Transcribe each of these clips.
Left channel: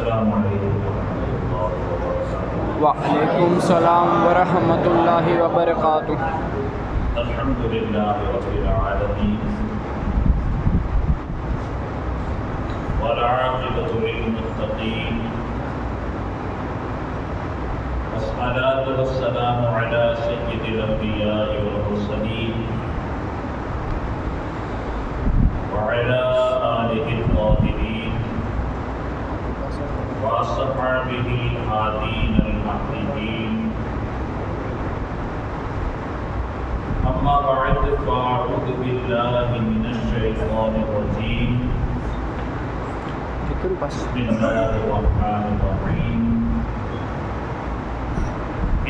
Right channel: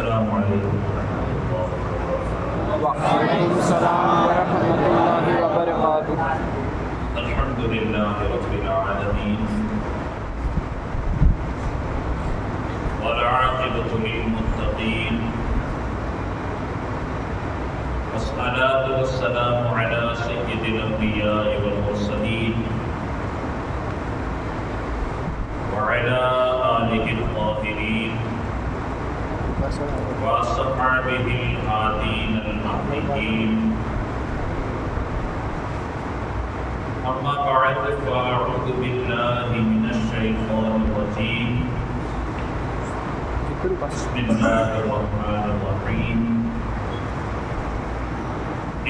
السلام علیکم ورحمۃ اللہ وبرکاتہ۔ وعلیکم السلام ورحمۃ اللہ وبرکاتہ۔ الحمد للہ رب العالمین والعاقبۃ للمتقین والصلاۃ والسلام علی سید الانبیاء والمرسلین وعلی آلہ الطاہرین وأصحابه الهادين المهديين، أما بعد فأعوذ بالله من الشيطان الرجيم، بسم الله الرحمن الرحيم،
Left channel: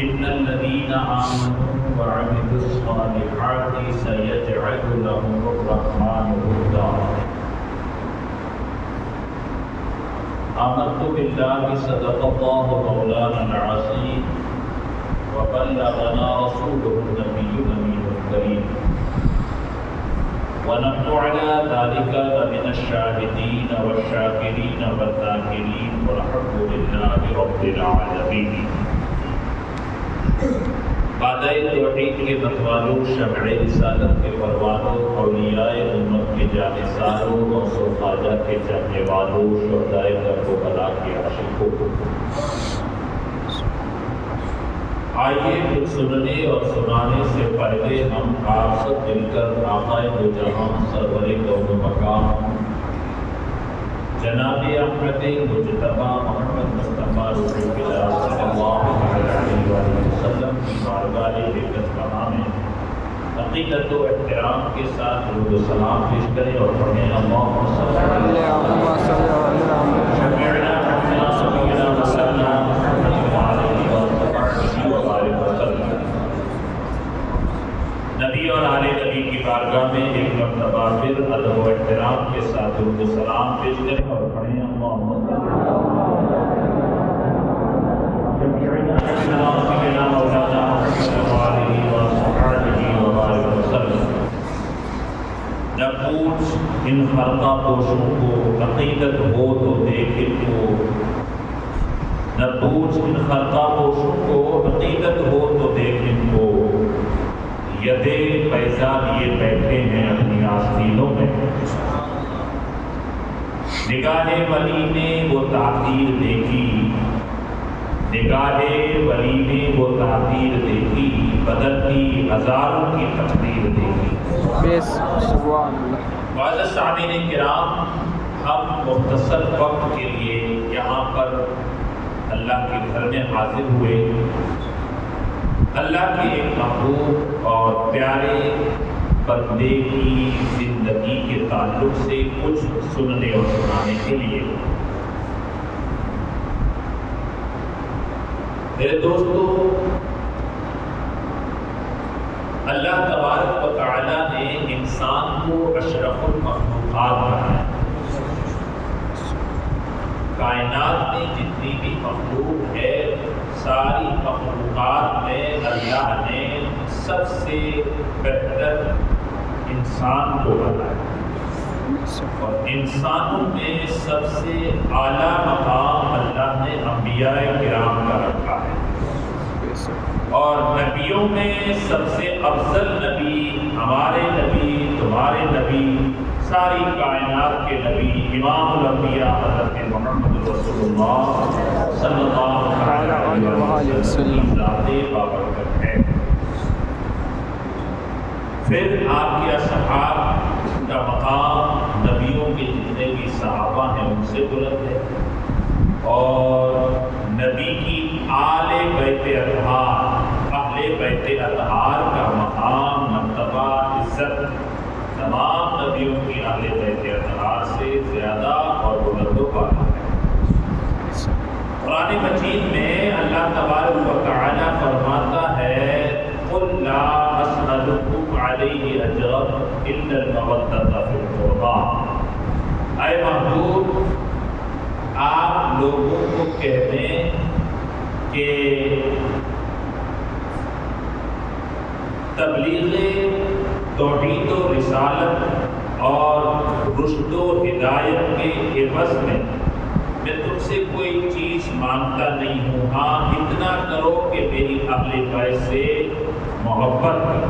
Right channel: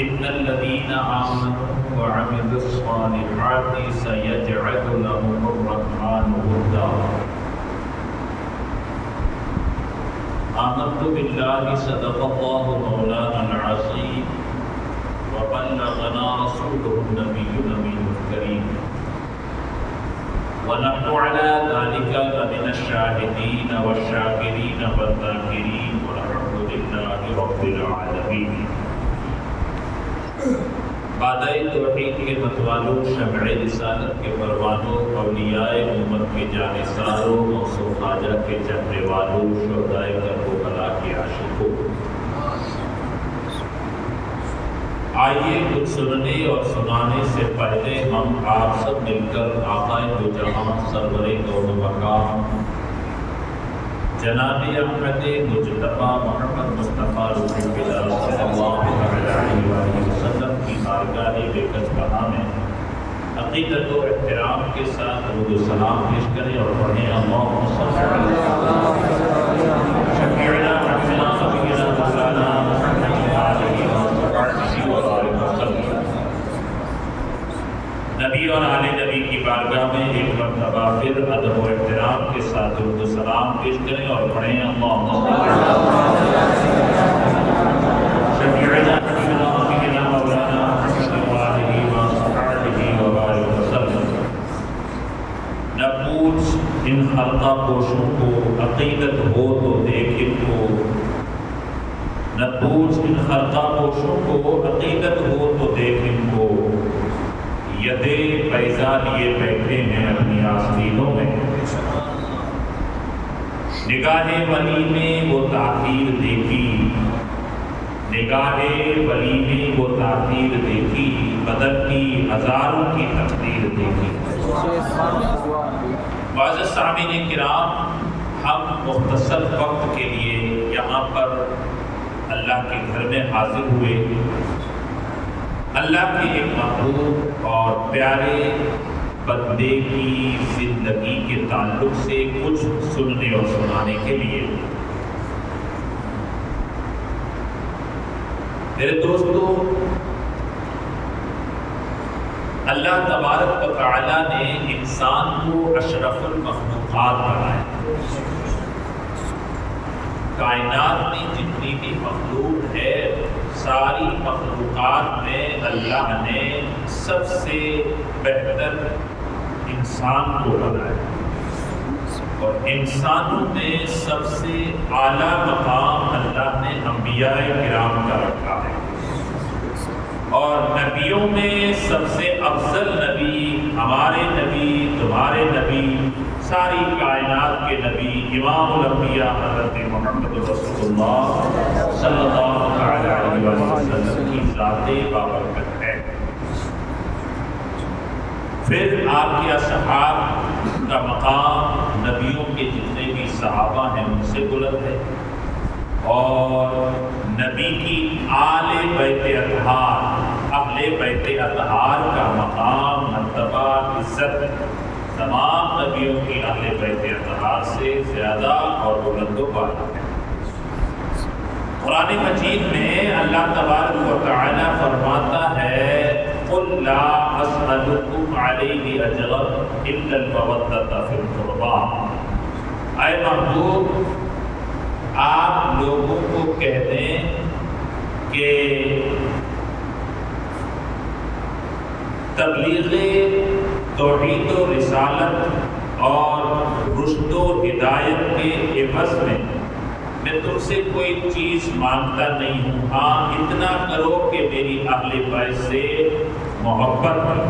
إن الذين آمنوا وعملوا الصالحات سيجعل لهم الرحمن ودا۔ آمنت بالله صدق الله مولانا العظيم وبلغنا رسوله النبي الأمين الكريم، ونحن على ذلك لمن الشاهدين والشاكرين والذاكرين والحمد لله رب العالمين۔ بادئ توحید کے متوالوں، شمع رسالت کے پروانوں، اولیاء امت کے جانثاروں، غوث و خواجہ کے چہرے والوں، شہدائے کربلا کے عاشقوں، آئیے کچھ سننے اور سنانے سے پہلے ہم آپ سب مل کر آقا دو جہاں سرور کون و مقام جناب احمد مجتبی محمد مصطفیٰ روح القدس صلی اللہ علیہ وسلم کی بارگاہ لے کر کہاں میں عقیدت و احترام کے ساتھ درود و سلام پیش کریں اور پڑھیں اللہم صلی علی شفیعنا محمد سبینا مولانا علیہ وآلہ وسلم۔ نبی اور آل نبی کی بارگاہ میں ایک مرتبہ پھر ادب و احترام کے ساتھ درود و سلام پیش کریں اور پڑھیں اللہم صلی شفیعنا محمد سبینا مولانا علیہ وآلہ وسلم۔ نہ پوچھ ان خلقہ پوشوں کو عقیدت ہو تو دیکھ ان کو، نہ پوچھ ان خلقہ پوشوں کو عقیدت ہو تو دیکھ ان کو، یدے پیسہ لیے بیٹھے ہیں اپنی آستینوں میں، نگاہ ولی نے وہ تاثیر دیکھی، نگاہ ولی نے وہ تاثیر دیکھی، بدلتی ہزاروں کی تقدیر دیکھی۔ معزز سامعین کرام، ہم مختصر وقت کے لیے یہاں پر اللہ کے گھر میں حاضر ہوئے، اللہ کے ایک محبوب اور پیارے بندے کی زندگی کے تعلق سے کچھ سننے اور سنانے کے لیے۔ میرے دوستو، اللہ تبارک و تعالی نے انسان کو اشرف المخلوقات بنایا۔ کائنات میں جتنی بھی مخلوق ہے، ساری مخلوقات میں اللہ نے سب سے بہتر انسان کو بنایا، اور انسانوں میں سب سے اعلیٰ مقام اللہ نے انبیاء کرام کا رکھا ہے، اور نبیوں میں سب سے افضل نبی ہمارے نبی، تمہارے نبی، ساری کائنات کے نبی امام الانبیاء حضرت محمد رسول اللہ صلی اللہ علیہ وسلم کی ذات بابرکت ہے۔ پھر آپ کے اصحاب کا مقام نبیوں کے جتنے بھی صحابہ ہیں ان سے بلند ہے، اور نبی کی آل بیت اطہار، اہل بیت اطہار کا مقام، مرتبہ، عزت تمام نبیوں کی اہل بیت اطہار سے زیادہ اور بلند و بالا ہے۔ قرآن مجید میں اللہ تبارک و تعالی فرماتا ہے قُلْ لَا أَسْأَلُكُمْ عَلَيْهِ أَجْرًا إِلَّا الْمَوَدَّةَ فِي الْقُرْبَى۔ اے محبوب، آپ لوگوں کو کہہ دیں کہ تبلیغ توحید و رسالت اور رشد و ہدایت کے عوض میں میں تم سے کوئی چیز مانگتا نہیں ہوں، ہاں اتنا کرو کہ میری اہل بیت سے محبت کرو۔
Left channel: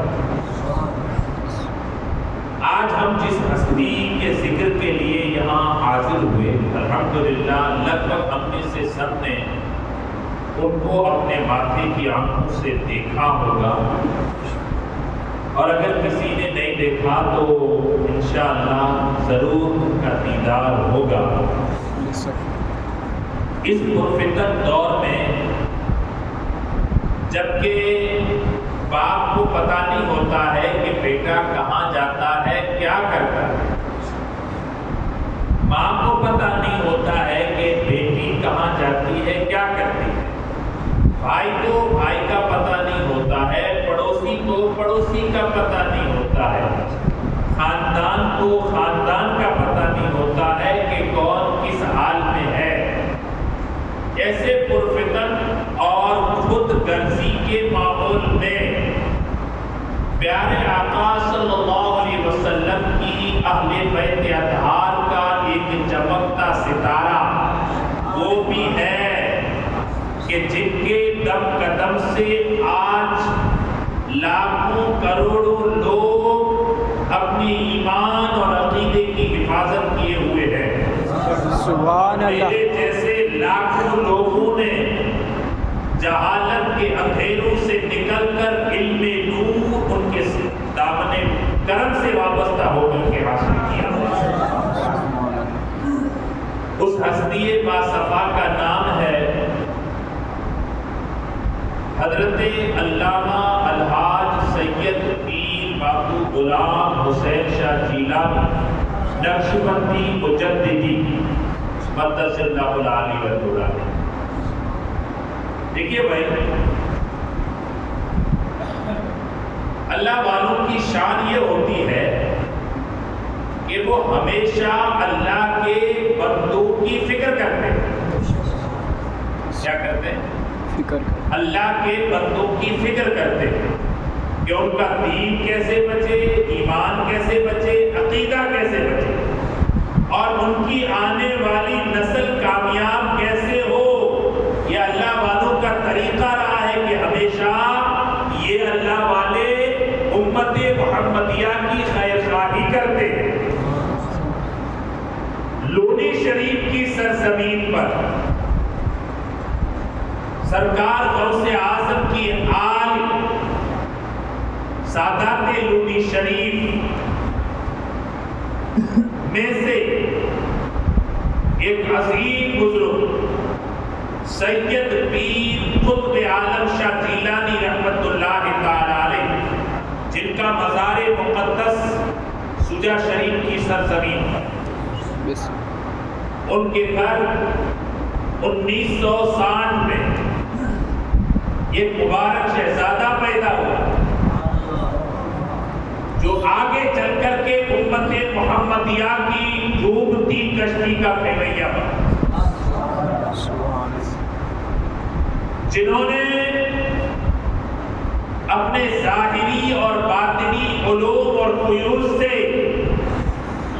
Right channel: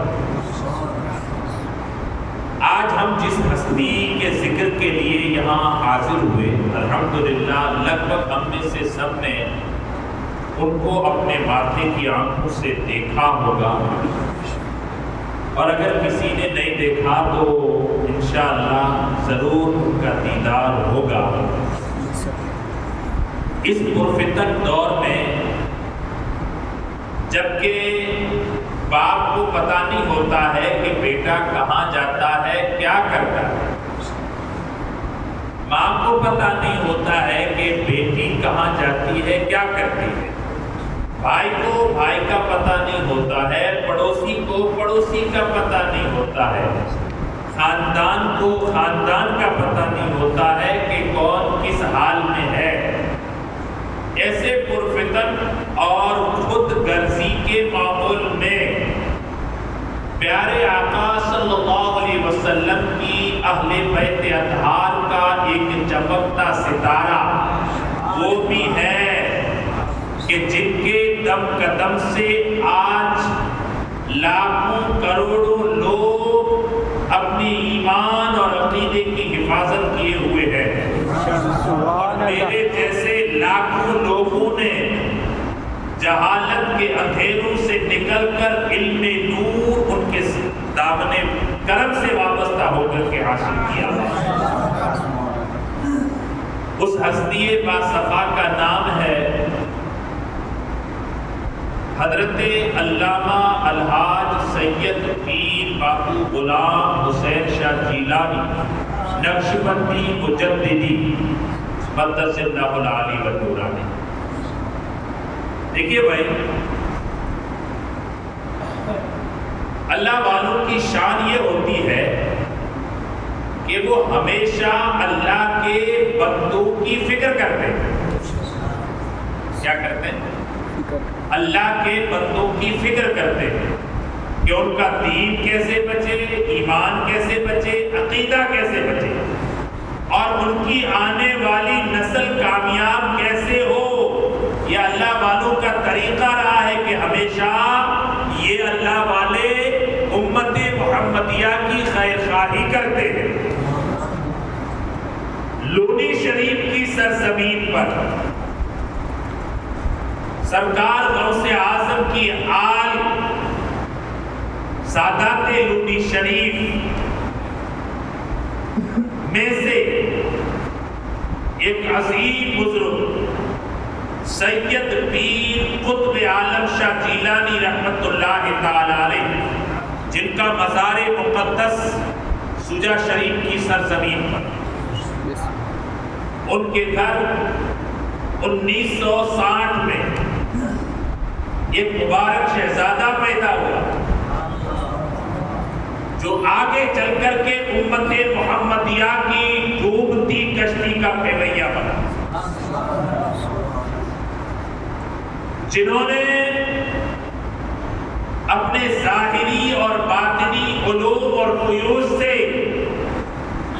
آج ہم جس ہستی کے ذکر کے لیے یہاں حاضر ہوئے، الحمدللہ لگ بھگ ہم میں سے سب نے ان کو اپنے ماتھے کی آنکھوں سے دیکھا ہوگا، اور اگر کسی نے نہیں دیکھا تو انشاءاللہ ضرور ان کا دیدار ہوگا۔ اس پرفتن دور میں جبکہ باپ کو پتہ نہیں ہوتا ہے کہ بیٹا کہاں جاتا ہے، کیا کرتا ہے، ماں کو پتہ نہیں ہوتا ہے کہ بیٹی کہاں جاتی ہے، کیا کرتی ہے، بھائی کو بھائی کا پتہ نہیں ہوتا ہے، پڑوسی کو پڑوسی کا پتہ نہیں ہوتا ہے، خاندان کو خاندان کا پتہ نہیں ہوتا ہے کہ کون کس حال میں ہے۔ ایسے پرفتن اور خود غرضی کے ماحول میں پیارے آقا صلی اللہ علیہ وسلم کی اہل بیت اطہار کا ایک چمکتا ستارہ وہ بھی ہے کہ جن کے دم قدم سے آج لاکھوں کروڑوں لوگ اپنی ایمان اور عقیدے کی حفاظت کیے ہوئے ہیں۔ سبحان اللہ۔ میرے جیسے لاکھوں لوگوں نے جہالت کے اندھیروں سے نکل کر علم نور ان کے دامن کرم سے وابستہ ہو کر کے حاصل کیا۔ اس ہستی باصفا کا نام ہے حضرت علامہ الحاج سید پیر باپو غلام حسین شاہ جیلانی نقشبندی مجددی مقدس اللہ العالی و نورانی۔ دیکھیے بھائی، اللہ والوں کی شان یہ ہوتی ہے کہ وہ ہمیشہ اللہ کے بندوں کی فکر کرتے ہیں۔ کیا کرتے ہیں؟ اللہ کے بندوں کی فکر کرتے ہیں کہ ان کا دین کیسے بچے، ایمان کیسے بچے، عقیدہ کیسے بچے، اور ان کی آنے والی نسل کامیاب کیسے ہو۔ یہ اللہ والوں کا طریقہ رہا ہے کہ ہمیشہ یہ اللہ والے امت محمدیہ کی خیر خواہی کرتے ہیں۔ لونی شریف کی سرزمین پر سرکار غوث اعظم کی آل سادات لونی شریف میں سے ایک عظیم بزرگ سید پیر قطب عالم شاہ جیلانی رحمت اللہ تعالی علیہ، جن کا مزار مقدس سجا شریف کی سرزمین پر، ان کے گھر 1960 میں ایک مبارک شہزادہ پیدا ہوا جو آگے چل کر کے امت محمدیہ کی ڈوبتی کشتی کا پھیویا بنا، جنہوں نے اپنے ظاہری اور باطنی علوم اور فیوز سے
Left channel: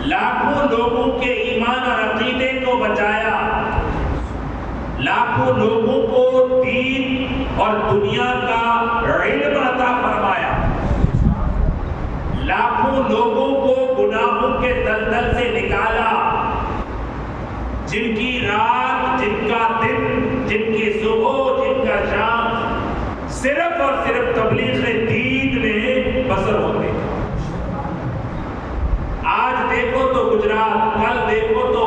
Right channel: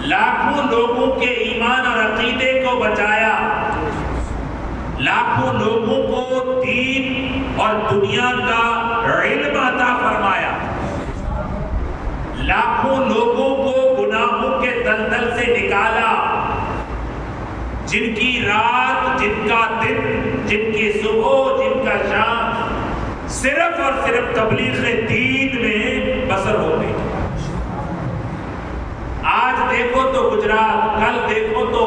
لاکھوں لوگوں کے ایمان اور عقیدے کو بچایا، لاکھوں لوگوں کو دین اور دنیا کا علم عطا فرمایا، لاکھوں لوگوں کو گناہوں کے دلدل سے نکالا، جن کی رات، جن کا دن، جن کی صبح، جن کا شام صرف اور صرف تبلیغ دین میں بسر ہوتے ہیں۔ آج دیکھو تو گجرات، کل دیکھو تو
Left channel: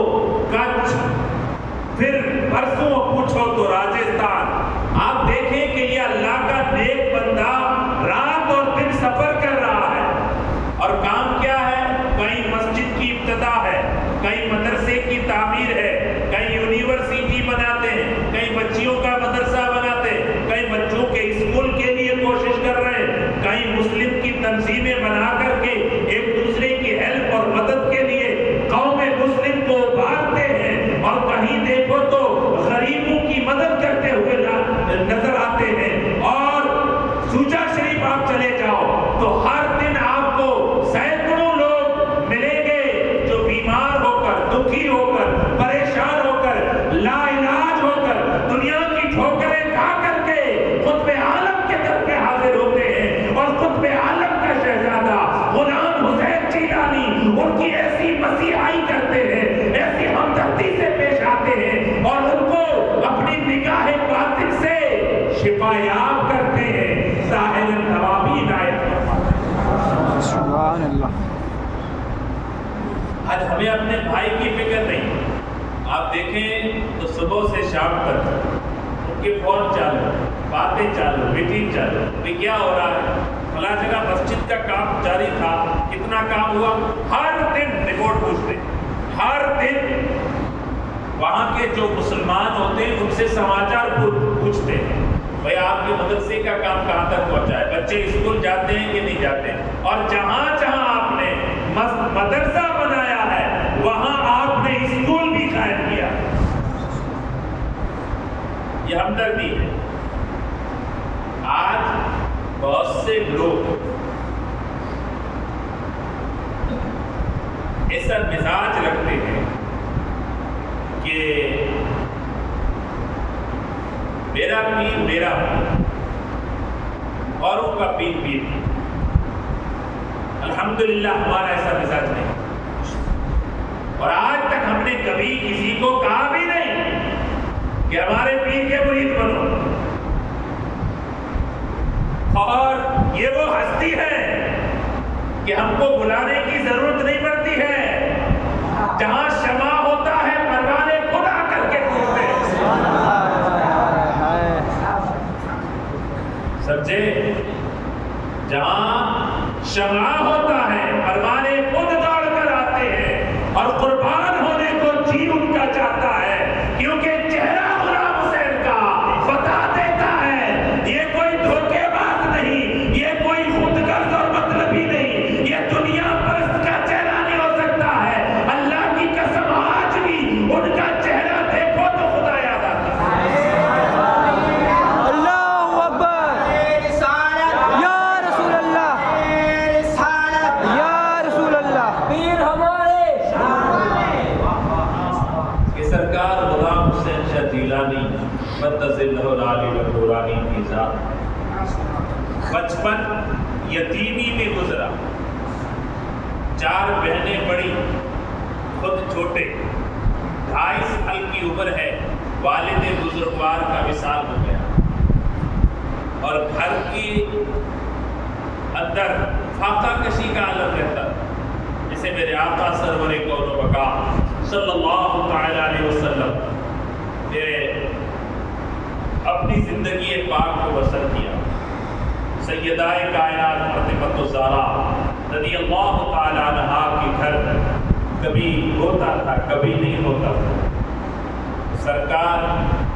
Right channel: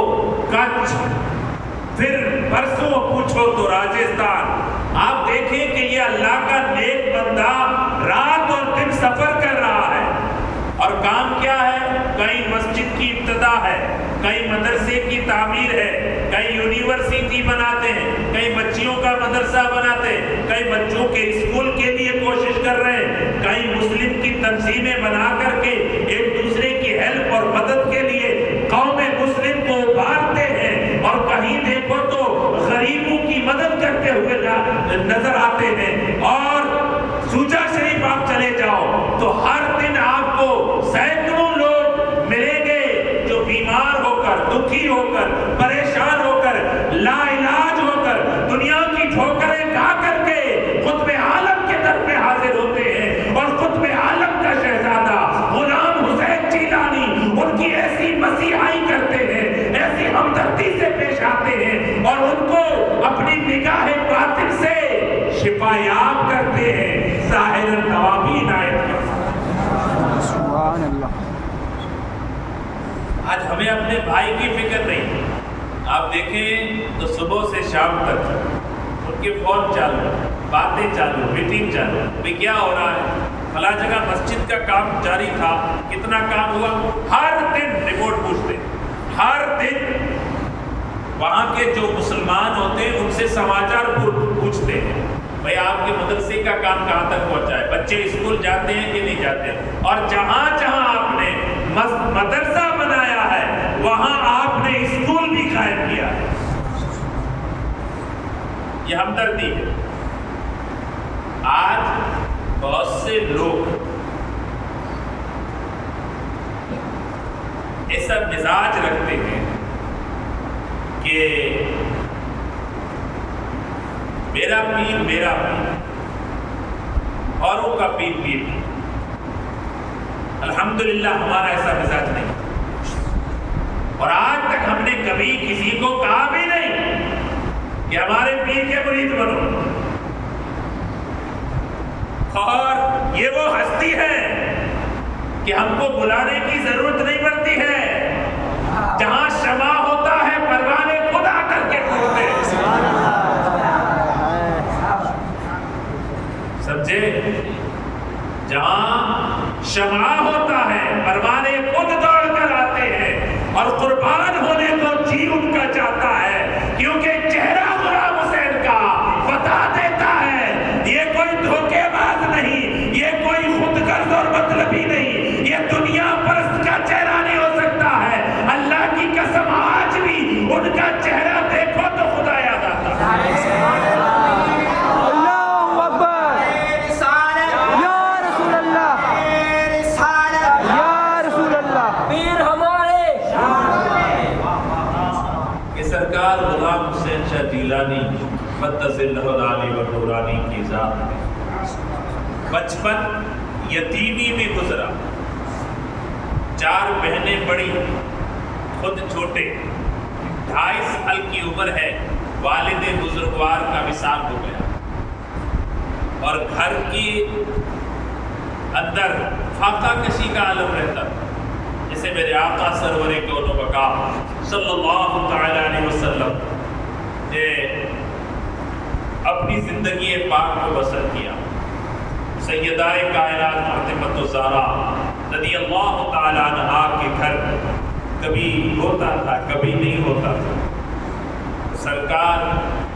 کچھ، پھر برسوں پوچھو تو راجستھان۔ آپ دیکھیں کہ یہ اللہ کا نیک بندہ رات اور دن سفر کر رہا ہے، اور کام کیا ہے؟ کہیں مسجد کی ابتدا ہے، کہیں مدرسے کی تعمیر ہے، کہیں یونیورسٹی بناتے ہیں، کہیں بچیوں کا مدرسہ بناتے ہیں، کہیں بچوں کے اسکول کے لیے کوشش کر رہے ہیں، کہیں مسلم کی تنظیمیں بنا کر کے ایک دوسرے کی ہیلپ اور مدد کے لیے قوم مسلم کو ابھارتے ہیں، اور کہیں دیکھو تو غریبوں کی مدد کرتے ہوئے نظر آتے ہیں۔ اور سوجا شریف آپ چلے جاؤ تو ہر دن آپ کو سینکڑوں لوگ ملیں گے جو بیمار ہو کر، دکھی ہو کر، پریشان ہو کر لا علاج ہو کر دنیا کی ٹھوکریں کھا کر کے قطب عالم کے در پہ حاضر ہوتے ہیں، اور قطب عالم کا شہزادہ غلام حسین جیلانی ان کی ایسی مسیحائی کرتے ہیں، ایسی ہمدردی سے پیش آتے ہیں، اور ان کو اپنی نگاہ باطن سے شفا یاب کرتے ہیں، ظاہر النوابی عنایت فرماتے ہیں۔ سبحان اللہ۔ آج ہمیں اپنے بھائی کی فکر نہیں۔ آپ دیکھیں تو صبح سے شام تک ان کے فون چالو، باتیں چالو، میٹنگ چالو، بھئی کیا ہو رہا ہے، فلاں جگہ مسجد کا کام جاری تھا، کتنا کام ہوا، ہر دن رپورٹ پوچھتے، ہر دن وہاں کے جو مسلمان ہوتے ہیں ان سے سماچار پوچھتے ہیں، بھئی آپ کے مدرسے کا کام کہاں تک پہنچا ہے، بچے اسکول جاتے ہیں کہ نہیں جاتے، اور جہاں جہاں آپ نے مدرسہ بنایا ہے وہاں آپ نے اسکول بھی قائم کیا ہے۔ یہ ہمدردی ہے۔ آج بہت سے لوگ ایسا مزاج رکھتے ہیں کہ میرا پیر میرا پیر، اوروں کا پیر پیر۔ الحمدللہ ہمارا ایسا مزاج نہیں، اور آج تک ہم نے کبھی کسی کو کہا بھی نہیں کہ ہمارے پیر کے مرید بنو، اور یہ وہ ہستی ہے کہ ہم کو بلانے کی ضرورت نہیں پڑتی ہے، جہاں شمع ہوتا ہے پروانے خود آ کر کے پوچھتے ہیں۔ سمجھے؟ جہاں شمع ہوتا ہے پروانے خود دوڑ کر آتے ہیں، اور قربان ہونے کو جی ان کا چاہتا ہے، کیونکہ چہرہ غلام حسین کا بتا دیتا ہے یہ کوئی دھوکے باز نہیں، یہ کوئی خود غرض اور مطلبی نہیں، یہ دنیا پرست کا چہرہ نہیں ہو سکتا ہے۔ اللہ کی قسم آج بھی ان کا چہرہ دیکھو تو خدا یاد آتا ہے۔ اللہ اکبر، یا رسول اللہ، یا رسول اللہ، پیر ہمارے کہ سرکار غلام حسین شاہ جیلانی قدس اللہ العالی و نورانی کی ذات ہے۔ بچپن یتیمی میں گزرا، 4 بہنیں بڑی، خود چھوٹے، 2.5 سال کی عمر ہے، والد بزرگوار کا وصال ہو گیا، اور گھر کی اندر فاقہ کشی کا عالم رہتا، جسے میرے آقا سرور کون و بقا صلی اللہ تعالی علیہ وسلم نے اپنی زندگی پاک کو بسر کیا۔ سیدہ کائنات فاطمہ الزہرا رضی اللہ تعالی عنہا کے گھر کبھی ہوتا تھا کبھی نہیں ہوتا تھا۔ سرکار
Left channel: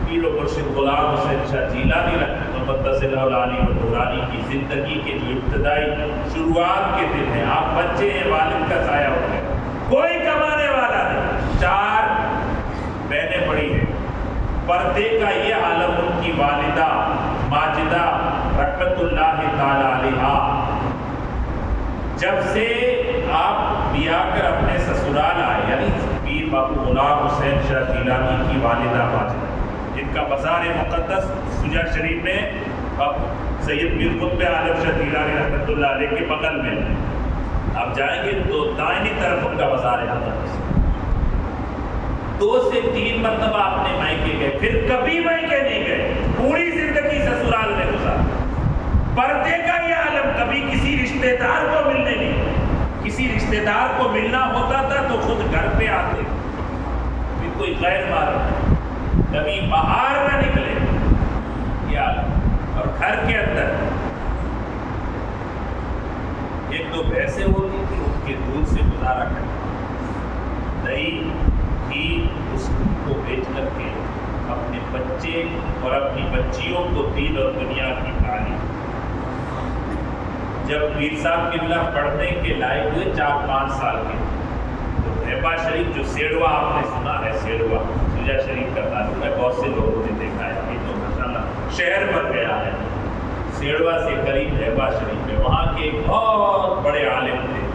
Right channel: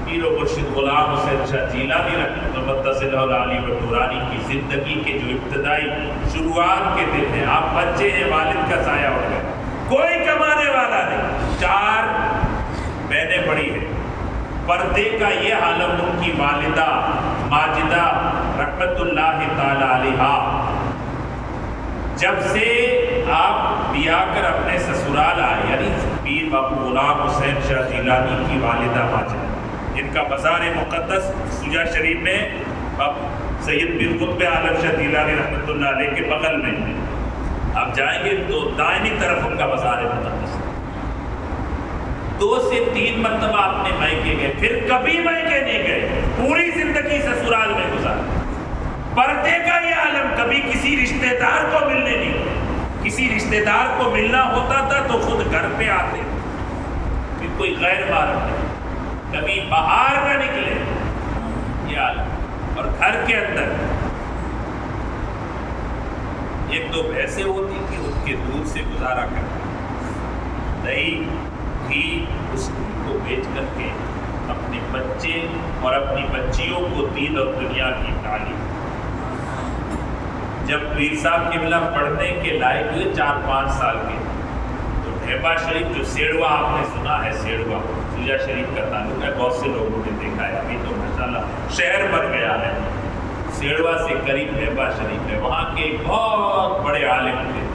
پیر و مرشد غلام حسین شاہ جیلانی رحمۃ اللہ علیہ و نورانی کی زندگی کے جو ابتدائی شروعات کے دن ہیں، آپ بچے ہیں، والد کا سایہ اٹھ گیا، کوئی کمانے والا نہیں، 4 بہنیں بڑی ہیں، پردے کا یہ عالم ان کی والدہ ماجدہ رحمت اللہ تعالی علیہا جب سے آپ بیاہ کر اپنے سسرال آئے، یعنی پیر باپو غلام حسین شاہ جیلانی کی والدہ ماجدہ، جن کا مزار مقدس سجا شریف میں اب سید پیر قطب عالم شاہ جیلانی رحمۃ اللہ علیہ کے بغل میں آپ جائیں گے تو دائنی طرف ان کا مزار مقدس ہے۔ 2 سے 3 مرتبہ اپنے مائکے گئے، پھر کبھی مائکے نہیں گئے، پوری زندگی سسرال میں گزاری۔ پردے کا یہ عالم، کبھی کسی رشتہ دار کو ملنے نہیں، کسی رشتہ دار کو ملنا ہوتا تھا تو خود گھر پہ آتے، پھر کوئی غیر محرم نہیں، کبھی باہر نہ نکلے یہ عالم۔ اور گھر کے اندر 1-2 بھینسیں ہوتی تھی، ان کے دودھ سے گزارا کرنا، دہی گھی اس کو بیچ کر کے اپنے بچے اور اپنی بچیوں کو دین اور دنیا کی تعلیم۔ جب پیر صاحب قبلہ پڑھنے کے لائق ہوئے 4-5 سال کے، تو ڈھیبا شریف جو سیڑوا آپ نے سنا ہے، سیڑوا سجا شریف کا تعلق ہے، بہت سے لوگوں نے دیکھا ہے، ابھی تو ماشاءاللہ شہر بن گیا ہے، سیڑوا سے قریب ڈھیبا شریف ہے، وہاں کے ایک بہت بڑے عالم تھے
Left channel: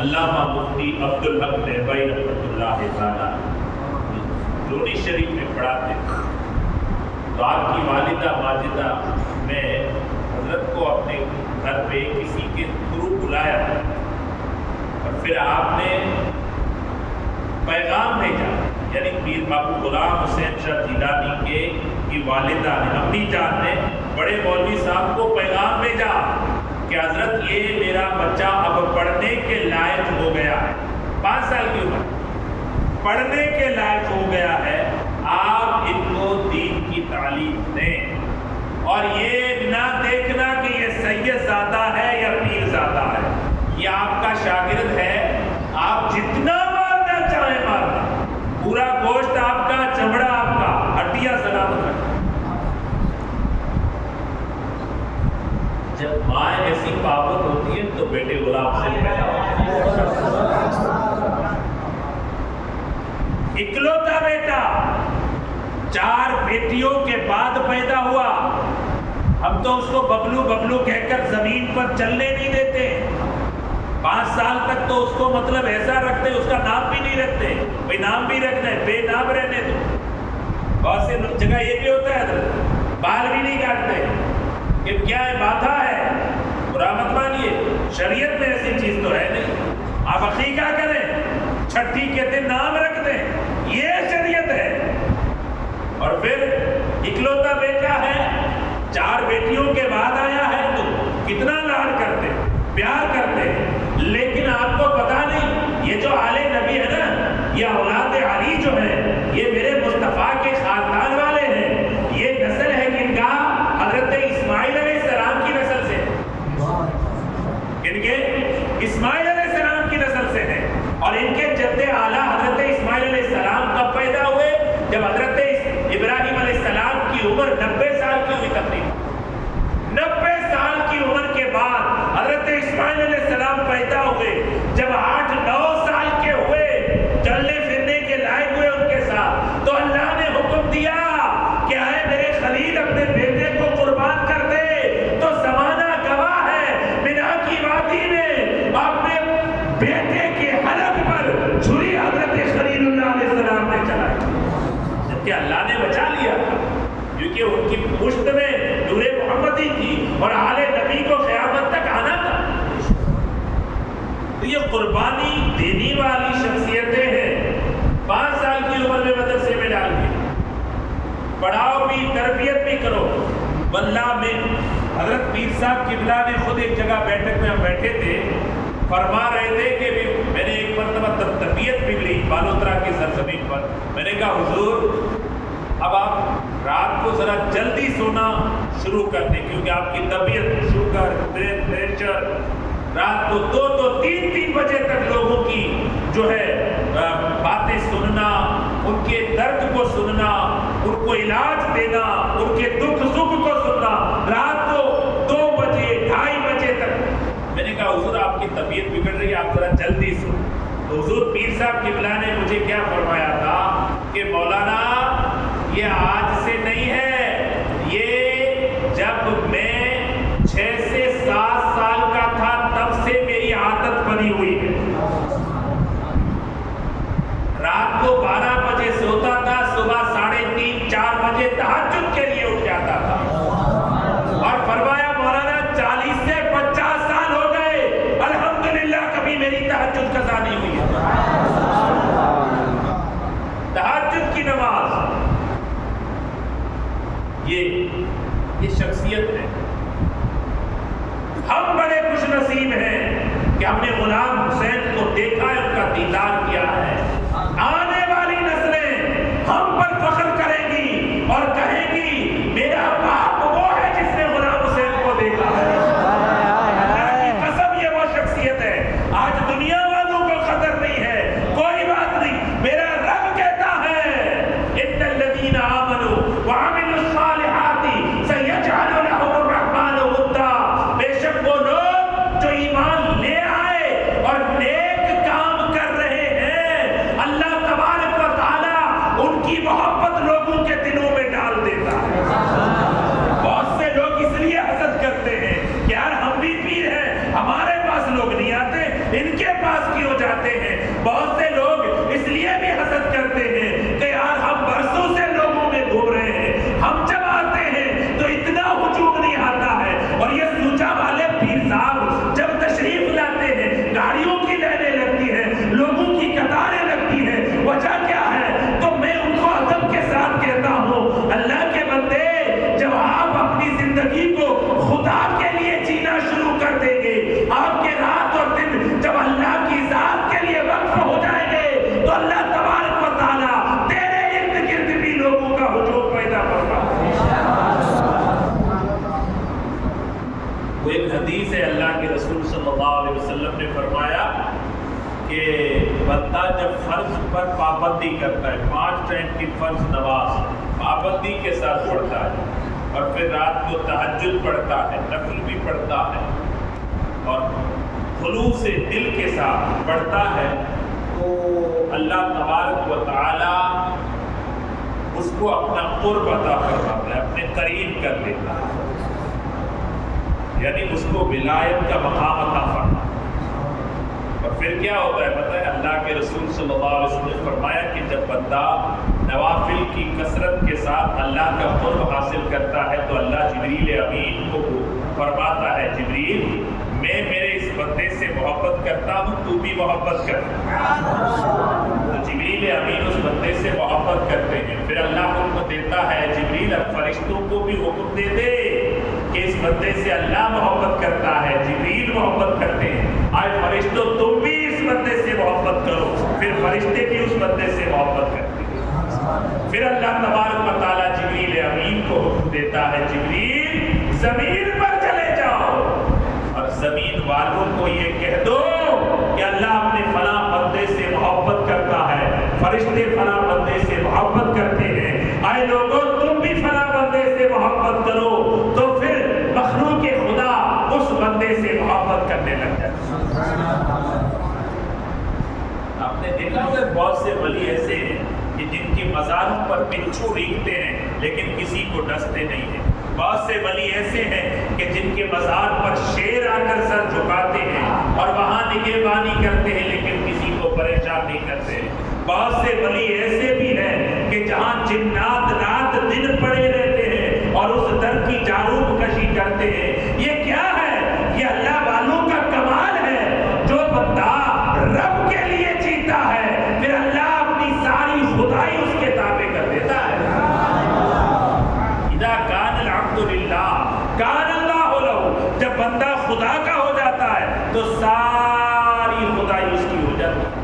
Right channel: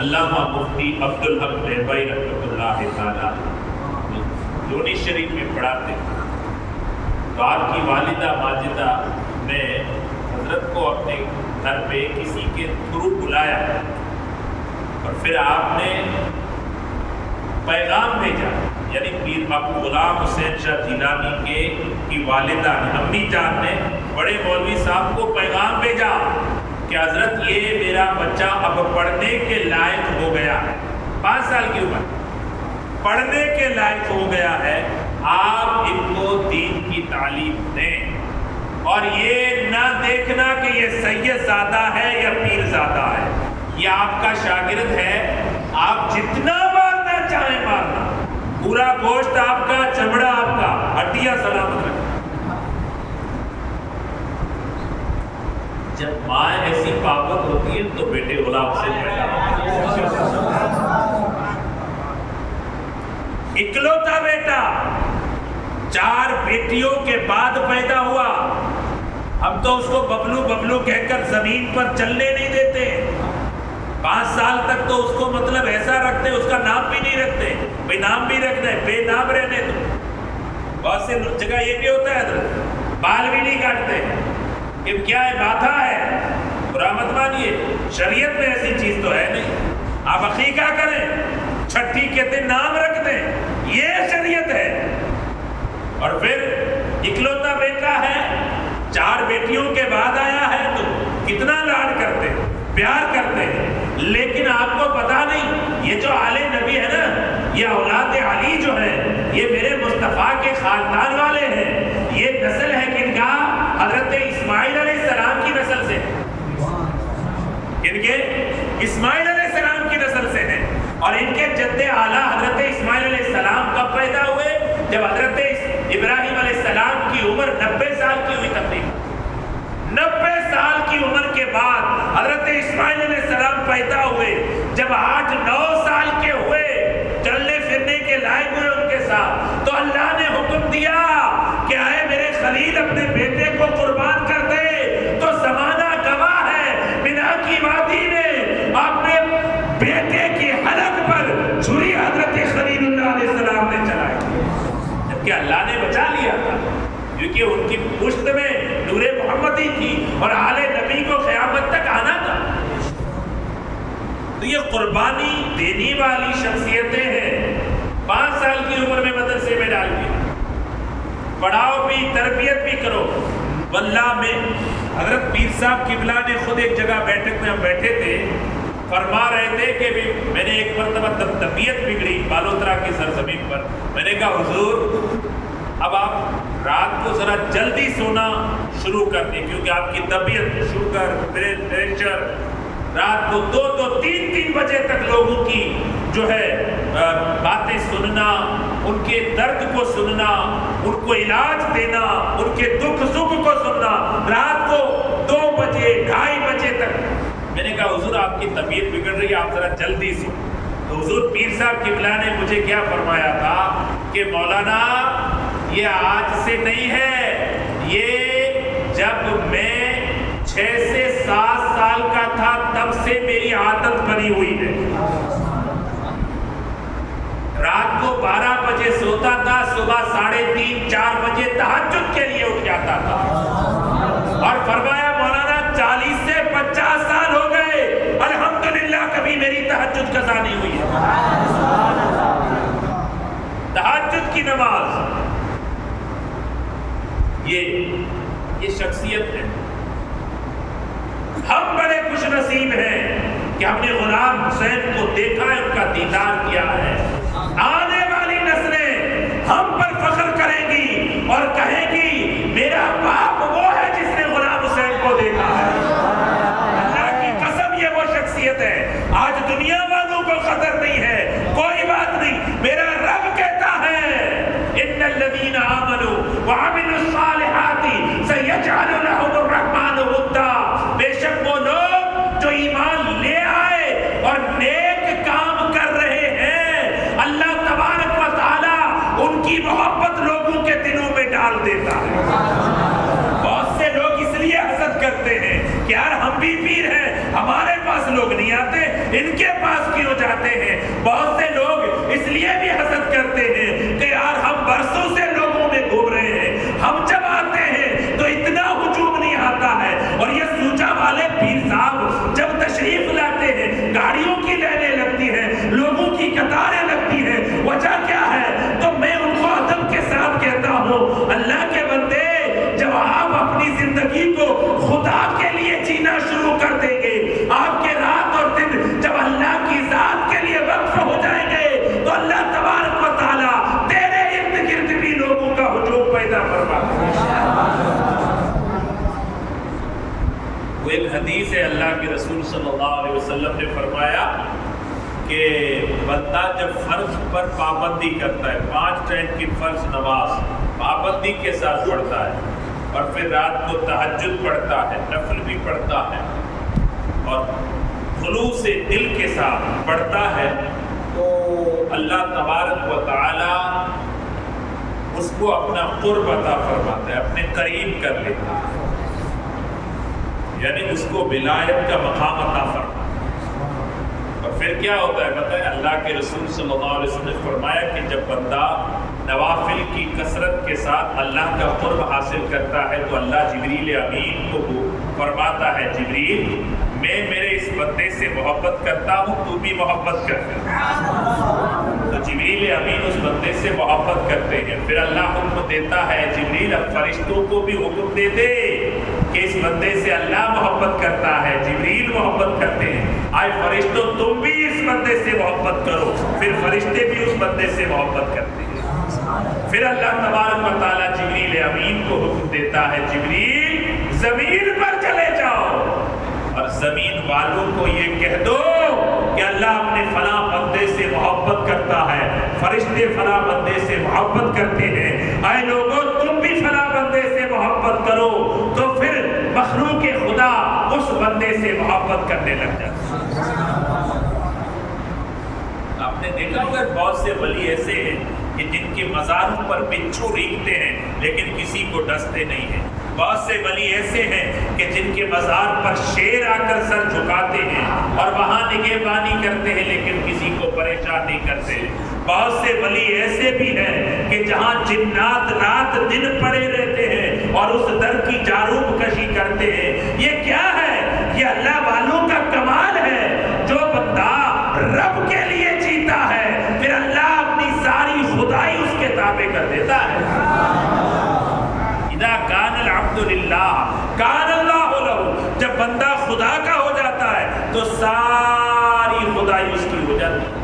علامہ مفتی عبدالحق ڈھیبائی رحمۃ اللہ تعالی، لونی شریف میں پڑھاتے تھے، تو آپ کی والدہ ماجدہ نے حضرت کو اپنے گھر پہ کسی کے تھرو بلایا اور پھر آپ نے پیغام بھیجا، یعنی پیر باپو غلام حسین شاہ جیلانی کے کی والدہ نے، امی جان نے بڑے مولوی صاحب کو پیغام بھیجا کہ حضرت یہ میرا بچہ اب پڑھنے کے لائق ہو گیا ہے، 5 سال کی عمر، پڑھنے کے لائق ہو گیا ہے، آپ ان کو دین کی تعلیم دیں، اور یہ نہ دیکھنا کہ یہ سید زادہ ہے یا پیر زادہ ہے، یہ آپ کا شاگرد ہے، آپ جتنا مارنا چاہیں مارنا، پورا گوشت آپ کا، چمڑا آپ کا، ہڈیاں سلامت رکھنا۔ جب ماں ایسی پابند ہوتی ہے تو بیٹے غلام سے پیدا ہوتے ہیں۔ اکلوتا بیٹا 4 بیٹیوں کے بعد پیدا ہوا، ہم تو اس کو ببلو ببلو کہہ کر زمین پر چلنے نہیں دیتے، 5 سال تک تو اس کو مطلب ایسا رکھتے، اس کا نام بھی نہیں رکھتے، بھئی نام بھی رکھنا ہے، بے نام رہنے دو۔ بہت سے جگہ یہ بھی ہوتا ہے حضرت، بال بھی نہیں کاٹتے، کہ کیا ہے، باتھا ہے، برا مت مانیے، شریعت میں ایسی چیز تو ہے نہیں، آپ عقیقہ کریں، چھٹی کے دن نام رکھ دیں، یہ شریعت ہے۔ اور پھر اکلوتا بیٹا ہے، 4 بیٹیوں کے بعد آیا ہے تو کتنا لاڈ کرتے، پیار کرتے ہیں، لیکن آپ کو پتا نہیں یہ جو آل نبی ہے نا، یہ اولاد علی جو ہے، یہ میرے مصطفیٰ کے خاندان والے ہیں، یہ نسل ہے کن کا؟ حضرت اسماعیل علیہ السلام کی نسل سے، ان کے اسماعیل علیہ السلام کی نسل سے ہیں، اور ان کے جد اعلیٰ حضرت اسماعیل علیہ السلام کب پیدا ہوئے؟ جب حضرت ابراہیم علیہ السلام کی عمر 90 سال کی ہوئی تقریباً، 90 سال کی عمر کے بعد حضرت اسماعیل علیہ السلام پیدا ہوئے، جب 8-9 سال کے ہوئے، چلنے پھرنے کے لائق ہوئے ان کے ساتھ، تو اللہ نے حکم دیا کہ آئے میرے خلیل اپنے بیٹے کو قربان کر دے، تو زمانہ گواہ ہے، منا کی وادی میں اپنے بیٹے کے حلق پر چھری حضرت خلیل اللہ علیہ السلام نے چلائی تھی، جبکہ اللہ نے بچا لیا تھا، کیونکہ ان کی پشت میں نور محمدی تھی اور آل نبی کو قیامت تک آنا تھا۔ تو یہ قربانی دینے والی شخصیتیں ہیں۔ 5 سال کی عمر میں مدرسے میں ڈال دیا، پڑھاؤ بھی، تربیت بھی کرو۔ واللہ میں حضرت پیر صاحب قبلہ نے خود ایک جگہ بیٹھک میں ہم بیٹھے تھے، فرما رہے تھے کہ میں نے ایک مرتبہ طبیعت بگڑی بالوترا کی سرزمین پر، میں نے کہا حضور اب آپ رات کو ذرا جلدی سونا شروع کر دیں، کیونکہ آپ کی طبیعت، شوگر، پریشر، رات کو 2-3 بجے تک لوگوں کی جو ہے باتیں سننا، ان کے درد کو سننا، ان کو علاج دینا، ان کے دکھ سکھ کو سننا، رات کو 2 بجے 2:30 بجے تک۔ میں نے کہا حضور آپ کی طبیعت بگڑ رہی ہے، آپ ذرا جلدی سو۔ تو حضور پیر صاحب قبلہ نے مجھے کیا فرمایا تھا کہ مولانا یہ آج سے نہیں ہے، یہ جب میں 6 سے 7 سال کا تھا تب سے میری عادت بنی ہوئی ہے، رات کو 12 بجے سوتا تھا، صبح 3:30-4 بجے تہجد کے لیے اٹھ جاتا تھا، اور فرمایا مولانا 40 سے 50 سال ہو گئے، الحمدللہ کبھی میری تہجد قضا نہیں ہوئی ہے۔ تہجد کی نماز، یہ شخصیت ہے۔ ہم بڑے خوش نصیب ہیں کہ ہم نے غلام حسین کو دیکھا ہے، ان کا دیدار کیا ہے۔ آنے والی نسلیں ہم پر فخر کریں گی اور کہیں گی میرا باپ وہ ہے جس نے غلام حسین کو دیکھا ہے۔ اللہ کی قسم یہ وہ شخصیت ہے، آج دنیا والوں کو قدر نہیں ہے، کوئی بات نہیں، میرا رب کہتا ہے ان الذین آمنوا وعملوا الصالحات سیجعل لهم الرحمن ودا، بے شک وہ لوگ جو ایمان لے آئے اور نیک کام کر رہے ہیں، اللہ تبارک و تعالی ان کی محبت لوگوں کے دلوں میں ڈال دیتا ہے۔ بہت سے لوگ اس لیے حسد کرتے ہیں کہ یار ہم بھی پیر ہیں، ہمارے پاس لوگ نہیں آتے، ان کے پاس کیوں جاتے ہیں؟ بہت سے لوگ اس لیے بھی حسد کرتے ہیں کہ یار ہم برسوں سے لوگوں میں گھوم رہے ہیں، ہم جب آتے ہیں تو اتنا ہجوم نہیں آتا ہے، اور یہ سوچا والے پیر صاحب جب تشریف لاتے ہیں گاڑیوں کی لائنیں لگتی ہیں، لوگوں کی قطاریں لگتی ہیں، وجہ کیا ہے؟ تو میں ان کو ادب کے ساتھ کہتا ہوں، اللہ کے بندے جب آپ اپنی زندگی کو خدا کے لیے جینا شروع کر دیں گے، آپ کے رات اور دن جب اللہ کی ذات کے لیے وقف ہو جائیں گے، تو اللہ تبارک و تعالیٰ تیرے ارد گرد بھی لوگوں کا ہجوم پیدا فرما دے گا۔ وہ ایک حدیث ہے، اللہ کے رسول صلی اللہ علیہ وسلم نے فرمایا کہ بندہ جب فرض پر پابندی کرتا ہے، 5 ٹائم کی فرض نماز پابندی کے ساتھ پڑھتا ہے، اور پھر رات کو تہجد پڑھتا ہے، نفل بھی پڑھتا ہے، اور خلوص دل کے ساتھ پڑھتا ہے، تو اللہ تبارک و تعالی اس کو اپنا قرب عطا فرماتا ہے، اپنے قریب کر لیتا ہے، یعنی اس کو ولایت کا مقام عطا فرماتا ہے۔ اور پھر کیا ہوتا ہے پتہ ہے؟ اللہ کے رسول صلی اللہ علیہ وسلم نے فرمایا کہ جب بندہ نوافل کی کثرت کے ساتھ اللہ کا قرب حاصل کرتا ہے تو اللہ جبریل امین کو فرماتا ہے، جبریل میں میرے اس بندے سے محبت کرتا ہوں، تو بھی محبت کر۔ تو جبریل امین اس بندے سے محبت کرتے ہیں، پھر اللہ حکم دیتا ہے جبریل اب فرشتوں کو بھی حکم دے دے کہ اس بندے سے اللہ محبت کرتا ہے، جبریل محبت کرتے ہیں، آئے فرشتوں تم بھی اس بندے سے محبت کرو، پھر فرشتے بھی اس بندے سے محبت کرتے ہیں۔ پھر اللہ تبارک و تعالیٰ جبریل امین کو حکم دیتا ہے، جبریل زمین پر چلے جاؤ اور زمین والوں کو یہ کہہ دو کہ اللہ اپنے فلاں بندے سے محبت کرتا ہے، فرشتے فلاں بندے سے محبت کرتے ہیں، آئے لوگوں تم بھی فلاں بندے سے محبت کرو، تو پھر مخلوق خدا اس بندے سے محبت کرنے لگ جاتا ہے۔ آپ نے دیکھا ہوگا بہت سے ولی ایسے ہیں کہ جن کے مزاروں پر بچھو ریگتے ہیں لیکن کسی کو ڈستے نہیں ہیں، بہت سے ولی ایسے ہیں کہ جن کے مزار پر شیر آ کر سر جھکاتے ہیں اور وہاں نگہبانی کرتے ہیں لیکن کسی کو پریشان نہیں کرتے، بہت سے ولی ایسے بھی ہیں کہ جہاں جنات رات دن پڑے رہتے ہیں اور اس در کی جاروب کشی کرتے ہیں۔ یہ کیا ہے؟ یہ اللہ والوں کا کمال ہے، جو بندہ رب کے لیے جیتا ہے پھر اللہ اپنی ساری خدائی اس کے تابع کر دیتا ہے۔ اذا کان العبد للہ کان اللہ لہ، جب بندہ خدا کا ہو جاتا ہے تو ساری خدائی اس کی ہو جاتی ہے۔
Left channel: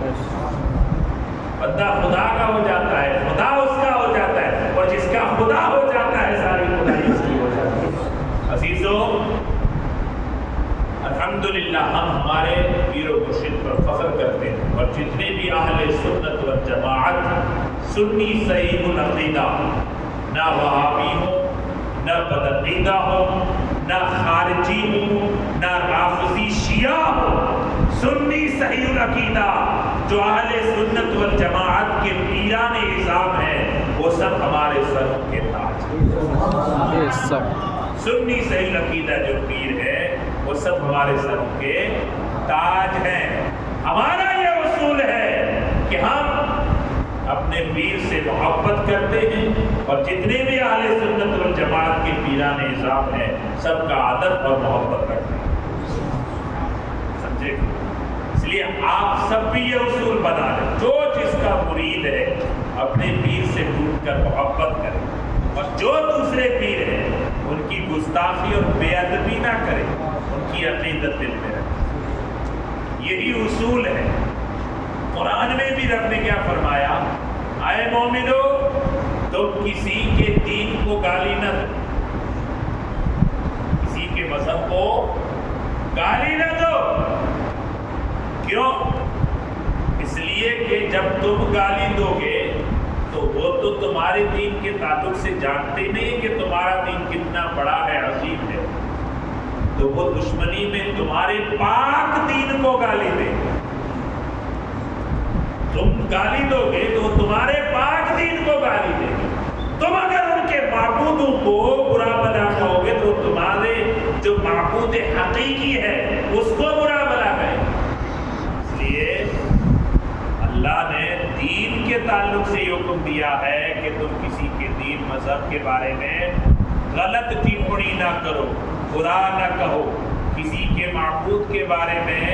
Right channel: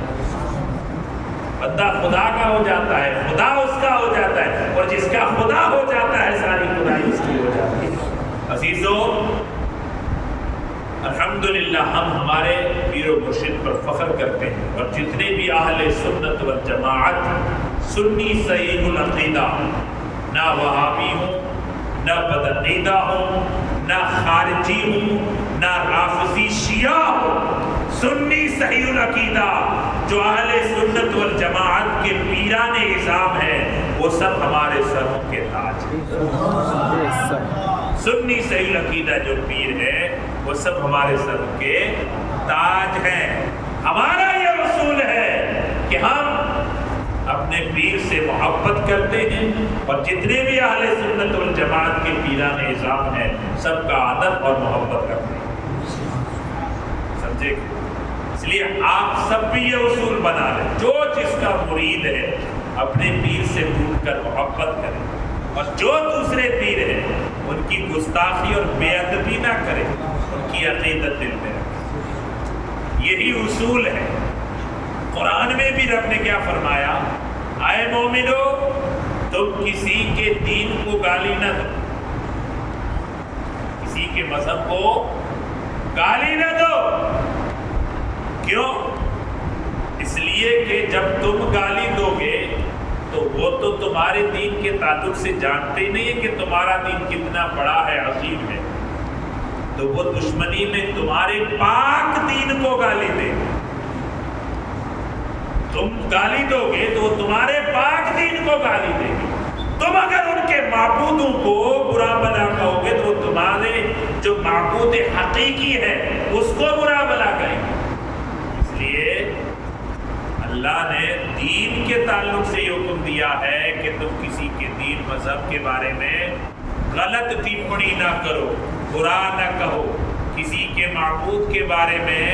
بندہ خدا کا ہو جاتا ہے، خدا اس کا ہو جاتا ہے، اور جس کا خدا ہو جاتا ہے ساری خدائی اس کی ہو جاتی ہے۔ عزیزو، الحمدللہ ہم ہمارے پیر و مرشد پر فخر کرتے ہیں، اور جتنے بھی اہل سنت والجماعت سنی صحیح العقیدہ، نہ وہابی ہوں، نہ بدعقیدہ ہوں، نہ خارجی ہوں، نہ رافضی شیعہ ہوں، سنی صحیح العقیدہ جو اہل سنت والجماعت کے پیران نظام ہیں وہ سب ہمارے سروں کے تاج ہیں۔ سنی صحیح العقیدہ جو پیر ہے وہ سب ہمارے سروں کے تاج ہیں۔ ہمارا یہ اصول ہے کہ ہم اپنے پیر سے محبت کرتے ہیں، اور جتنے بھی اہل سنت والجماعت کے پیران نظام ہیں سب کا ادب اور محبت کرتے ہیں، سمجھے؟ اس لیے آپ سب بھی یہ اصول بنا لیں، جو جس کا مرید ہے اپنے پیر سے ٹوٹ کر محبت کرے، اور جو دوسرے پیر ہیں ان کی گستاخی اور بے ادبی نہ کرے، ان کی عقیدت دل میں رکھے۔ یہی اصول ہے۔ قرآن میں بھی رب نے کیا فرمایا؟ اے مومنو تم کسی کے دین کو گالی نہ دو، کسی کے مذہب کو گالی نہ دو۔ کیوں؟ اس لیے کہ جب تم گالی دو گے تو وہ تو تمہارے دین کے تعلق سے جانتے نہیں ہیں کہ تمہارا دین کتنا بڑا ہے، عظیم ہے، تو وہ دشمنی میں تمہارے پاک دین کو گالی دیں گے۔ تم گالی دو گے تو وہ تمہارے پاک دین کو گالی دیں گے۔ تم اگر ان کے معبودوں کو برا بلا کہو گے تو تمہارے جو معبود حقیقی ہے اس کو برا بلا کہیں گے۔ اس لیے اللہ نے دین کے تعلق سے یہ حکم دیا ہے کہ تم کسی کے دین مذہب کے بارے میں غلط ٹپڑی نہ کرو، برا نہ کہو، کسی کے معبود کے بارے میں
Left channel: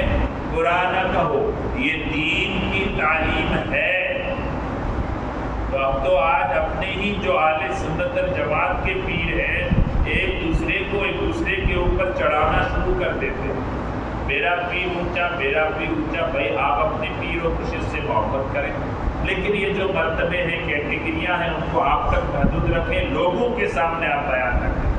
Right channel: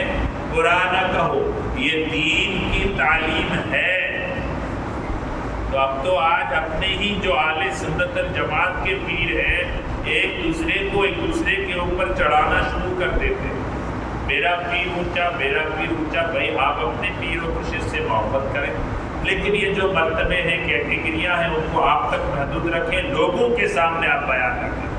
برا نہ کہو، یہ دین کی تعلیم ہے۔ تو اب تو آج اپنے ہی جو اہل سنت الجماعت کے پیر ہیں ایک دوسرے کے اوپر چڑھانا شروع کر دیتے ہیں، میرا پیر اونچا، میرا پیر اونچا۔ بھائی آپ اپنے پیر و مرشد سے محبت کریں، لیکن یہ جو مرتبے ہیں، کیٹیگریاں ہیں، ان کو آپ تک محدود رکھیں، لوگوں کے سامنے آپ بیان نہ کریں۔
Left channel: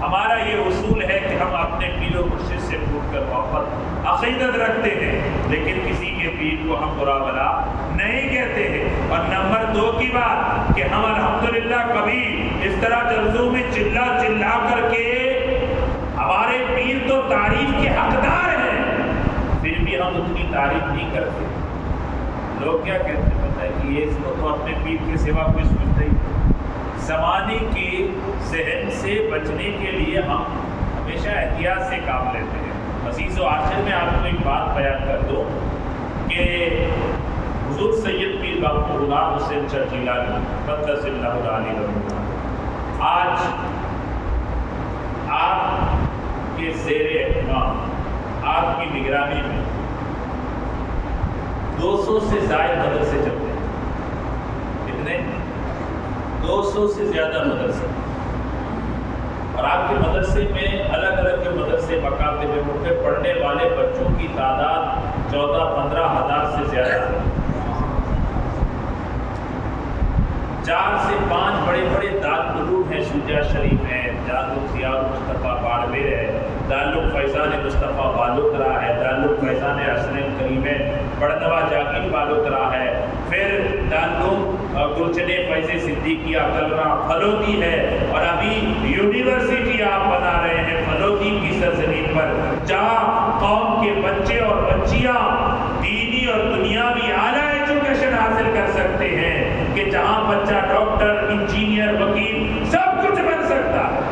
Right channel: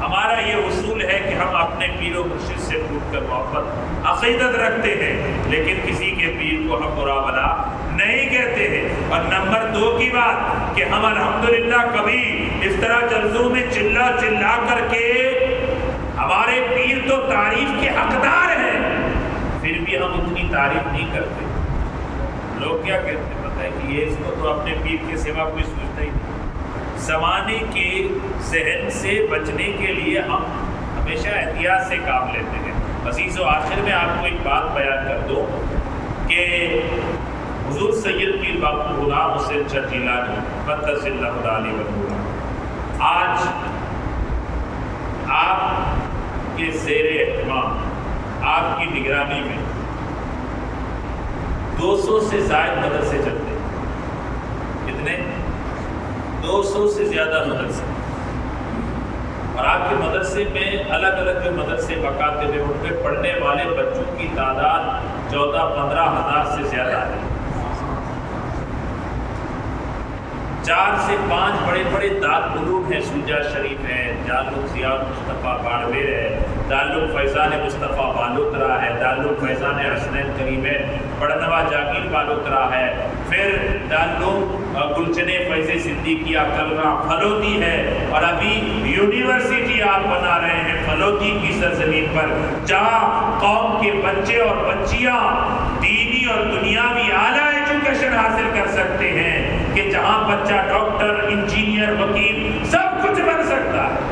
ہمارا یہ اصول ہے کہ ہم اپنے پیر و مرشد سے پوچھ کر محبت عقیدت رکھتے ہیں، لیکن کسی کے پیر کو ہم برا بلا نہیں کہتے ہیں۔ اور نمبر 2 کی بات کہ ہم الحمدللہ کبھی اس طرح جلسوں میں چلا کر کے ہمارے پیر تو تعریف کے حقدار ہیں، پھر بھی ہم اتنی تعریف نہیں کرتے۔ لوگ کیا کہتے ہیں پتہ ہے کہ یہ اس کو تو اپنے پیر کے سوا کوئی سوچتا ہی نہیں۔ زمانے کے ذہن سے بچنے کے لیے ہم ہمیشہ احتیاط سے کام لیتے ہیں۔ عزیز و آخر میں آپ کو ایک بات بیان کر دوں کہ حضور سید پیر باقی غلام حسین چٹ جیلانی قدس اللہ تعالی عنہ آج آپ کے زیر اہتمام، آپ کی نگرانی میں 200 سے زائد مدرسے چلتے ہیں۔ کتنے؟ 200 سے زیادہ مدرسے، اور آپ کے مدرسے میں الگ الگ جو مدرسے مکاتب ہیں ان پہ پڑھنے والے بچوں کی تعداد 14-15 ہزار سے زیادہ ہے۔ 4 سے 5 بڑے بڑے دارالعلوم ہیں، شجاع شریف ہے، دارالعلوم ضیاء المصطفیٰ باڑمیر ہے، دارالعلوم فیضان مصطفیٰ بالوترا ہے، دارالعلوم فیضان حسنین کریم ہے، بڑنوا جاگیر بالوترا ہے، پھر دارالعلوم گلچن فیض صدیقیہ کلرا پھلوتی ہے، اور ابھی یونیورسٹی آپ بنا رہے ہیں پھلوتی کی سرزمین پر، جہاں قوم کے بچے اور بچیاں دینی اور دنیاوی اعلیٰ ایجوکیشن حاصل کر سکتے ہیں، کہ جہاں بچہ ڈاکٹر، انجینئر، وکیل سب کچھ بن سکتا ہے۔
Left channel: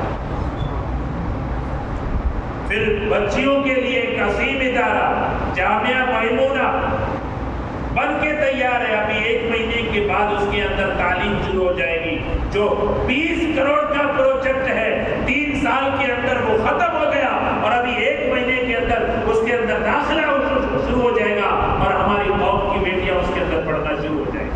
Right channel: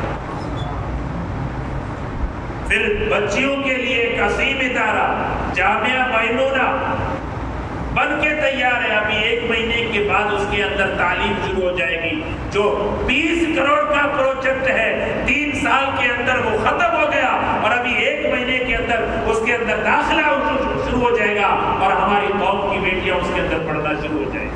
پھر بچیوں کے لیے ایک عظیم ادارہ جامعہ میمونہ بن کے تیار ہے، ابھی 1 مہینے کے بعد اس کے اندر تعلیم شروع ہو جائے گی، جو 20 کروڑ کا پروجیکٹ ہے، 3 سال کے اندر وہ ختم ہو گیا، اور ابھی 1 مہینے کے اندر اس کے اندر داخلہ شروع ہو جائے گا، اور ہماری قوم کی بیٹیاں اس کے اندر پڑھنا شروع ہو جائیں گی۔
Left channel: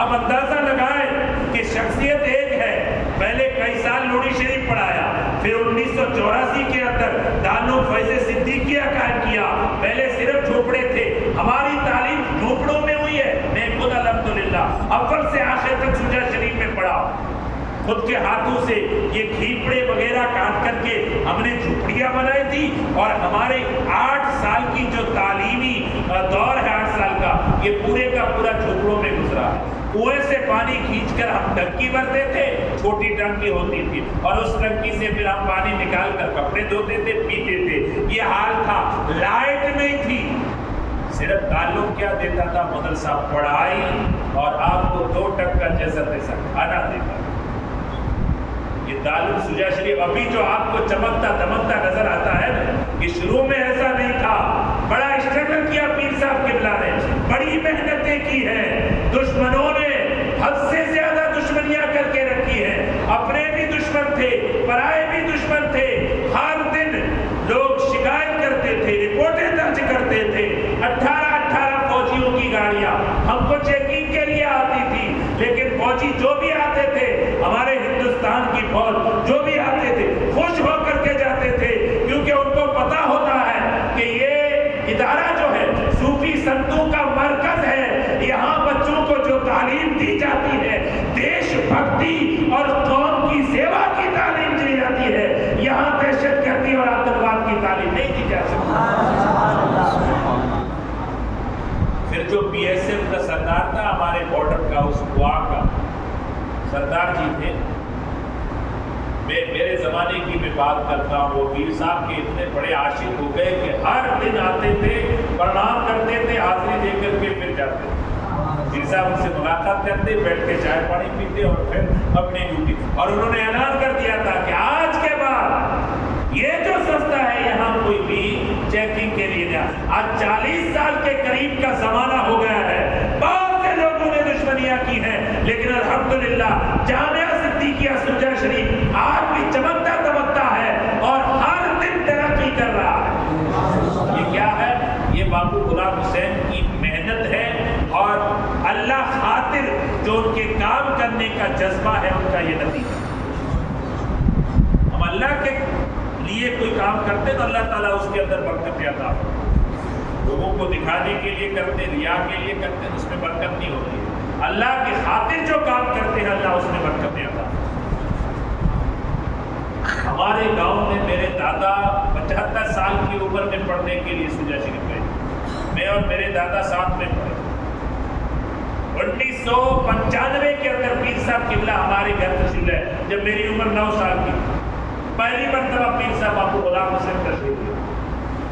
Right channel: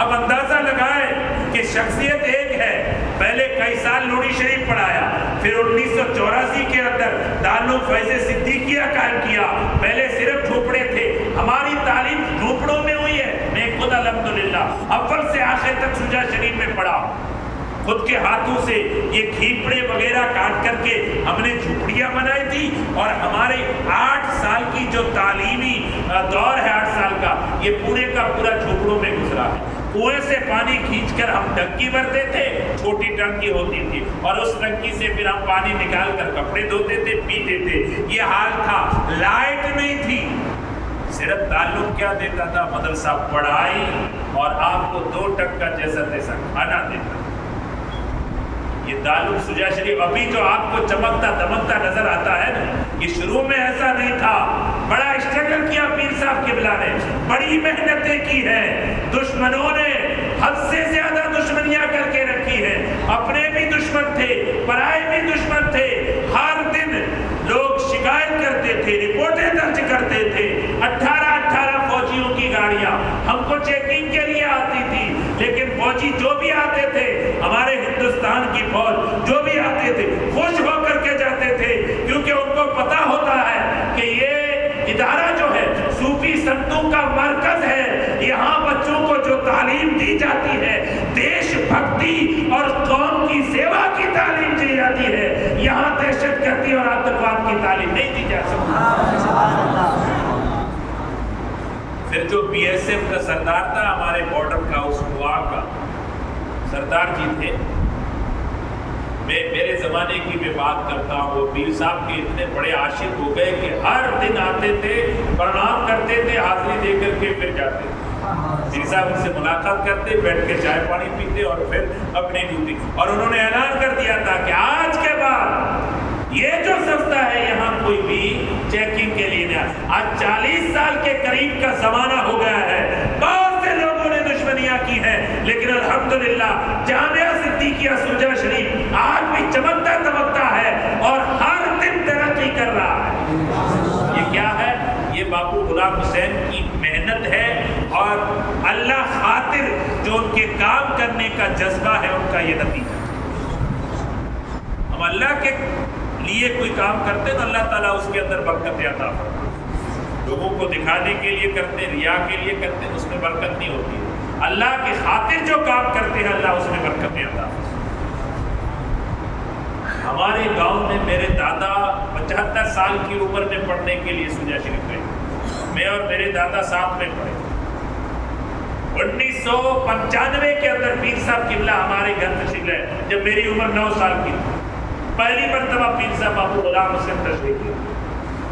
اب اندازہ لگائیں کہ شخصیت ایک ہے، پہلے کئی سال نوری شریف پڑھایا، پھر 1984 کے اندر دارالعلوم فیض صدیقیہ قائم کیا، پہلے صرف جھوپڑے تھے، ہماری تعلیم جھوپڑوں میں ہوئی ہے۔ میں خود الحمدللہ اول سے آخر تک شجاع شریف میں پڑھا، خود کے ہاتھوں سے یہ کھیپڑے وغیرہ کاٹ کر کے ہم نے جھوپڑیاں بنائی تھی، اور ہمارے 8 سال کی جو تعلیمی دور ہے 8 سال کا، یہ پورے کا پورا جھوپڑوں میں گزرا ہے۔ کنویں سے پانی کھینچ کر ہم ٹنکی بھرتے تھے، چھوٹی ٹنکی ہوتی تھی، اور اس ٹنکی سے پھر ہم پانی نکال کر کپڑے دھوتے تھے، پیتے تھے۔ یہ حال تھا، لائٹ نہیں تھی، صرف تعلق کیا دیتا تھا؟ مدرسہ، پڑھائی، اور آپ کو 2 ٹکا جیسا تیسا کھانا دیتا تھا۔ یہ دارالعلوم شجاع شریف ابھی جو آپ کو چمکتا دمکتا نظر آتا ہے نا، یہ شروع میں ایسا نہیں تھا۔ بڑا اسٹرگل کیا پیر صاحب قبلہ نے، بڑی محنتیں کی ہیں، دشمنوں نے حد سے زیادہ دشمنیاں کر کے رکھی ہیں، اپنے بھی دشمن تھے، پرائے بھی دشمن تھے، ہر دن لوگ شکایت کرتے تھے، رپورٹیں درج کرتے تھے، 18 فوجیوں کی گاڑیاں ہم کو چیکنگ کے لیے آتی تھی، لیکن فوجی جو بھی آتے تھے، ہمارے ہندوستان کی فوج جو بھی آتے تھے، خوش ہو کر کے جاتے تھے، کیونکہ ان کو پتا ہوتا ہے کہ یہ ادارہ جو ہے صوفی سنتوں کا مرکز ہے، یہاں بچوں کو جو تعلیم دی جاتی ہے، دیش بھکتی اور قوم کی سیوا کی تعلیم دی جاتی ہے، یہاں دہشت گردی اور آتنکواد کی تعلیم نہیں دی جا سکتی۔ پھر جو بی ایس ایف کا سردار تھا ہمارے بارڈر کا، اس گوا کا سردار جی تھے، میں میرے زمانے کی بھی بات کرتا ہوں، وہ پیر صاحب کے اتنے بڑے عاشق ہو گئے کہ ہر دن آتے تھے، پرنام کرتے تھے، حاضری دے کر کے پھر جاتے تھے۔ پیر صاحب ان سے ملاقات کرتے, بیٹھ کے چائے پانی پیتے اور پھر اپنی ڈیوٹی. اور انہوں نے اعلان کر دیا تھا کہ آج کے بعد یہ جو سستا ہے یہاں کوئی بھی چیکنگ کے لیے نہیں. آج 40 سال کے قریب کا زمانہ ہو گیا ہے, بہت سے لوگوں نے دشمنیاں کی ہیں, لیکن الحمدللہ جامعہ صدیقیہ سوجا شریف آج بھی چمکتا دمکتا ہے اور ہر دن ترقی کر رہا ہے. یہ کیا ہے؟ یہ باپو غلام حسین کی محنت ہے اور اللہ خاطر جو ان کے کام کرنے کا جذبہ ہے ان کا یہ نتیجہ. ہم اللہ کے لیے کوئی کام کرتے تو اللہ تعالیٰ اس کے اندر برکت عطا فرماتا ہے. لوگوں کو دکھانے کے لیے کرتے, ریا کے لیے کرتے, اس میں برکت نہیں ہوتی ہے. اللہ کی خاطر جو کام کرتے ہیں اللہ اس میں برکت عطا فرماتا ہے. ہمارے گاؤں میں میرے دادا 75 سال کی عمر میں پڑھنے کے لیے سوجا شریف گئے. میں اور میرے دادا ساتھ میں پڑھے. 1995 کے اندر پیر صاحب قبلہ ہمارے گھر تشریف لائے جب میری عمر 9 سال کی تھی. پہلی مرتبہ پیر صاحب باپو غلام حسین تشریف لائے.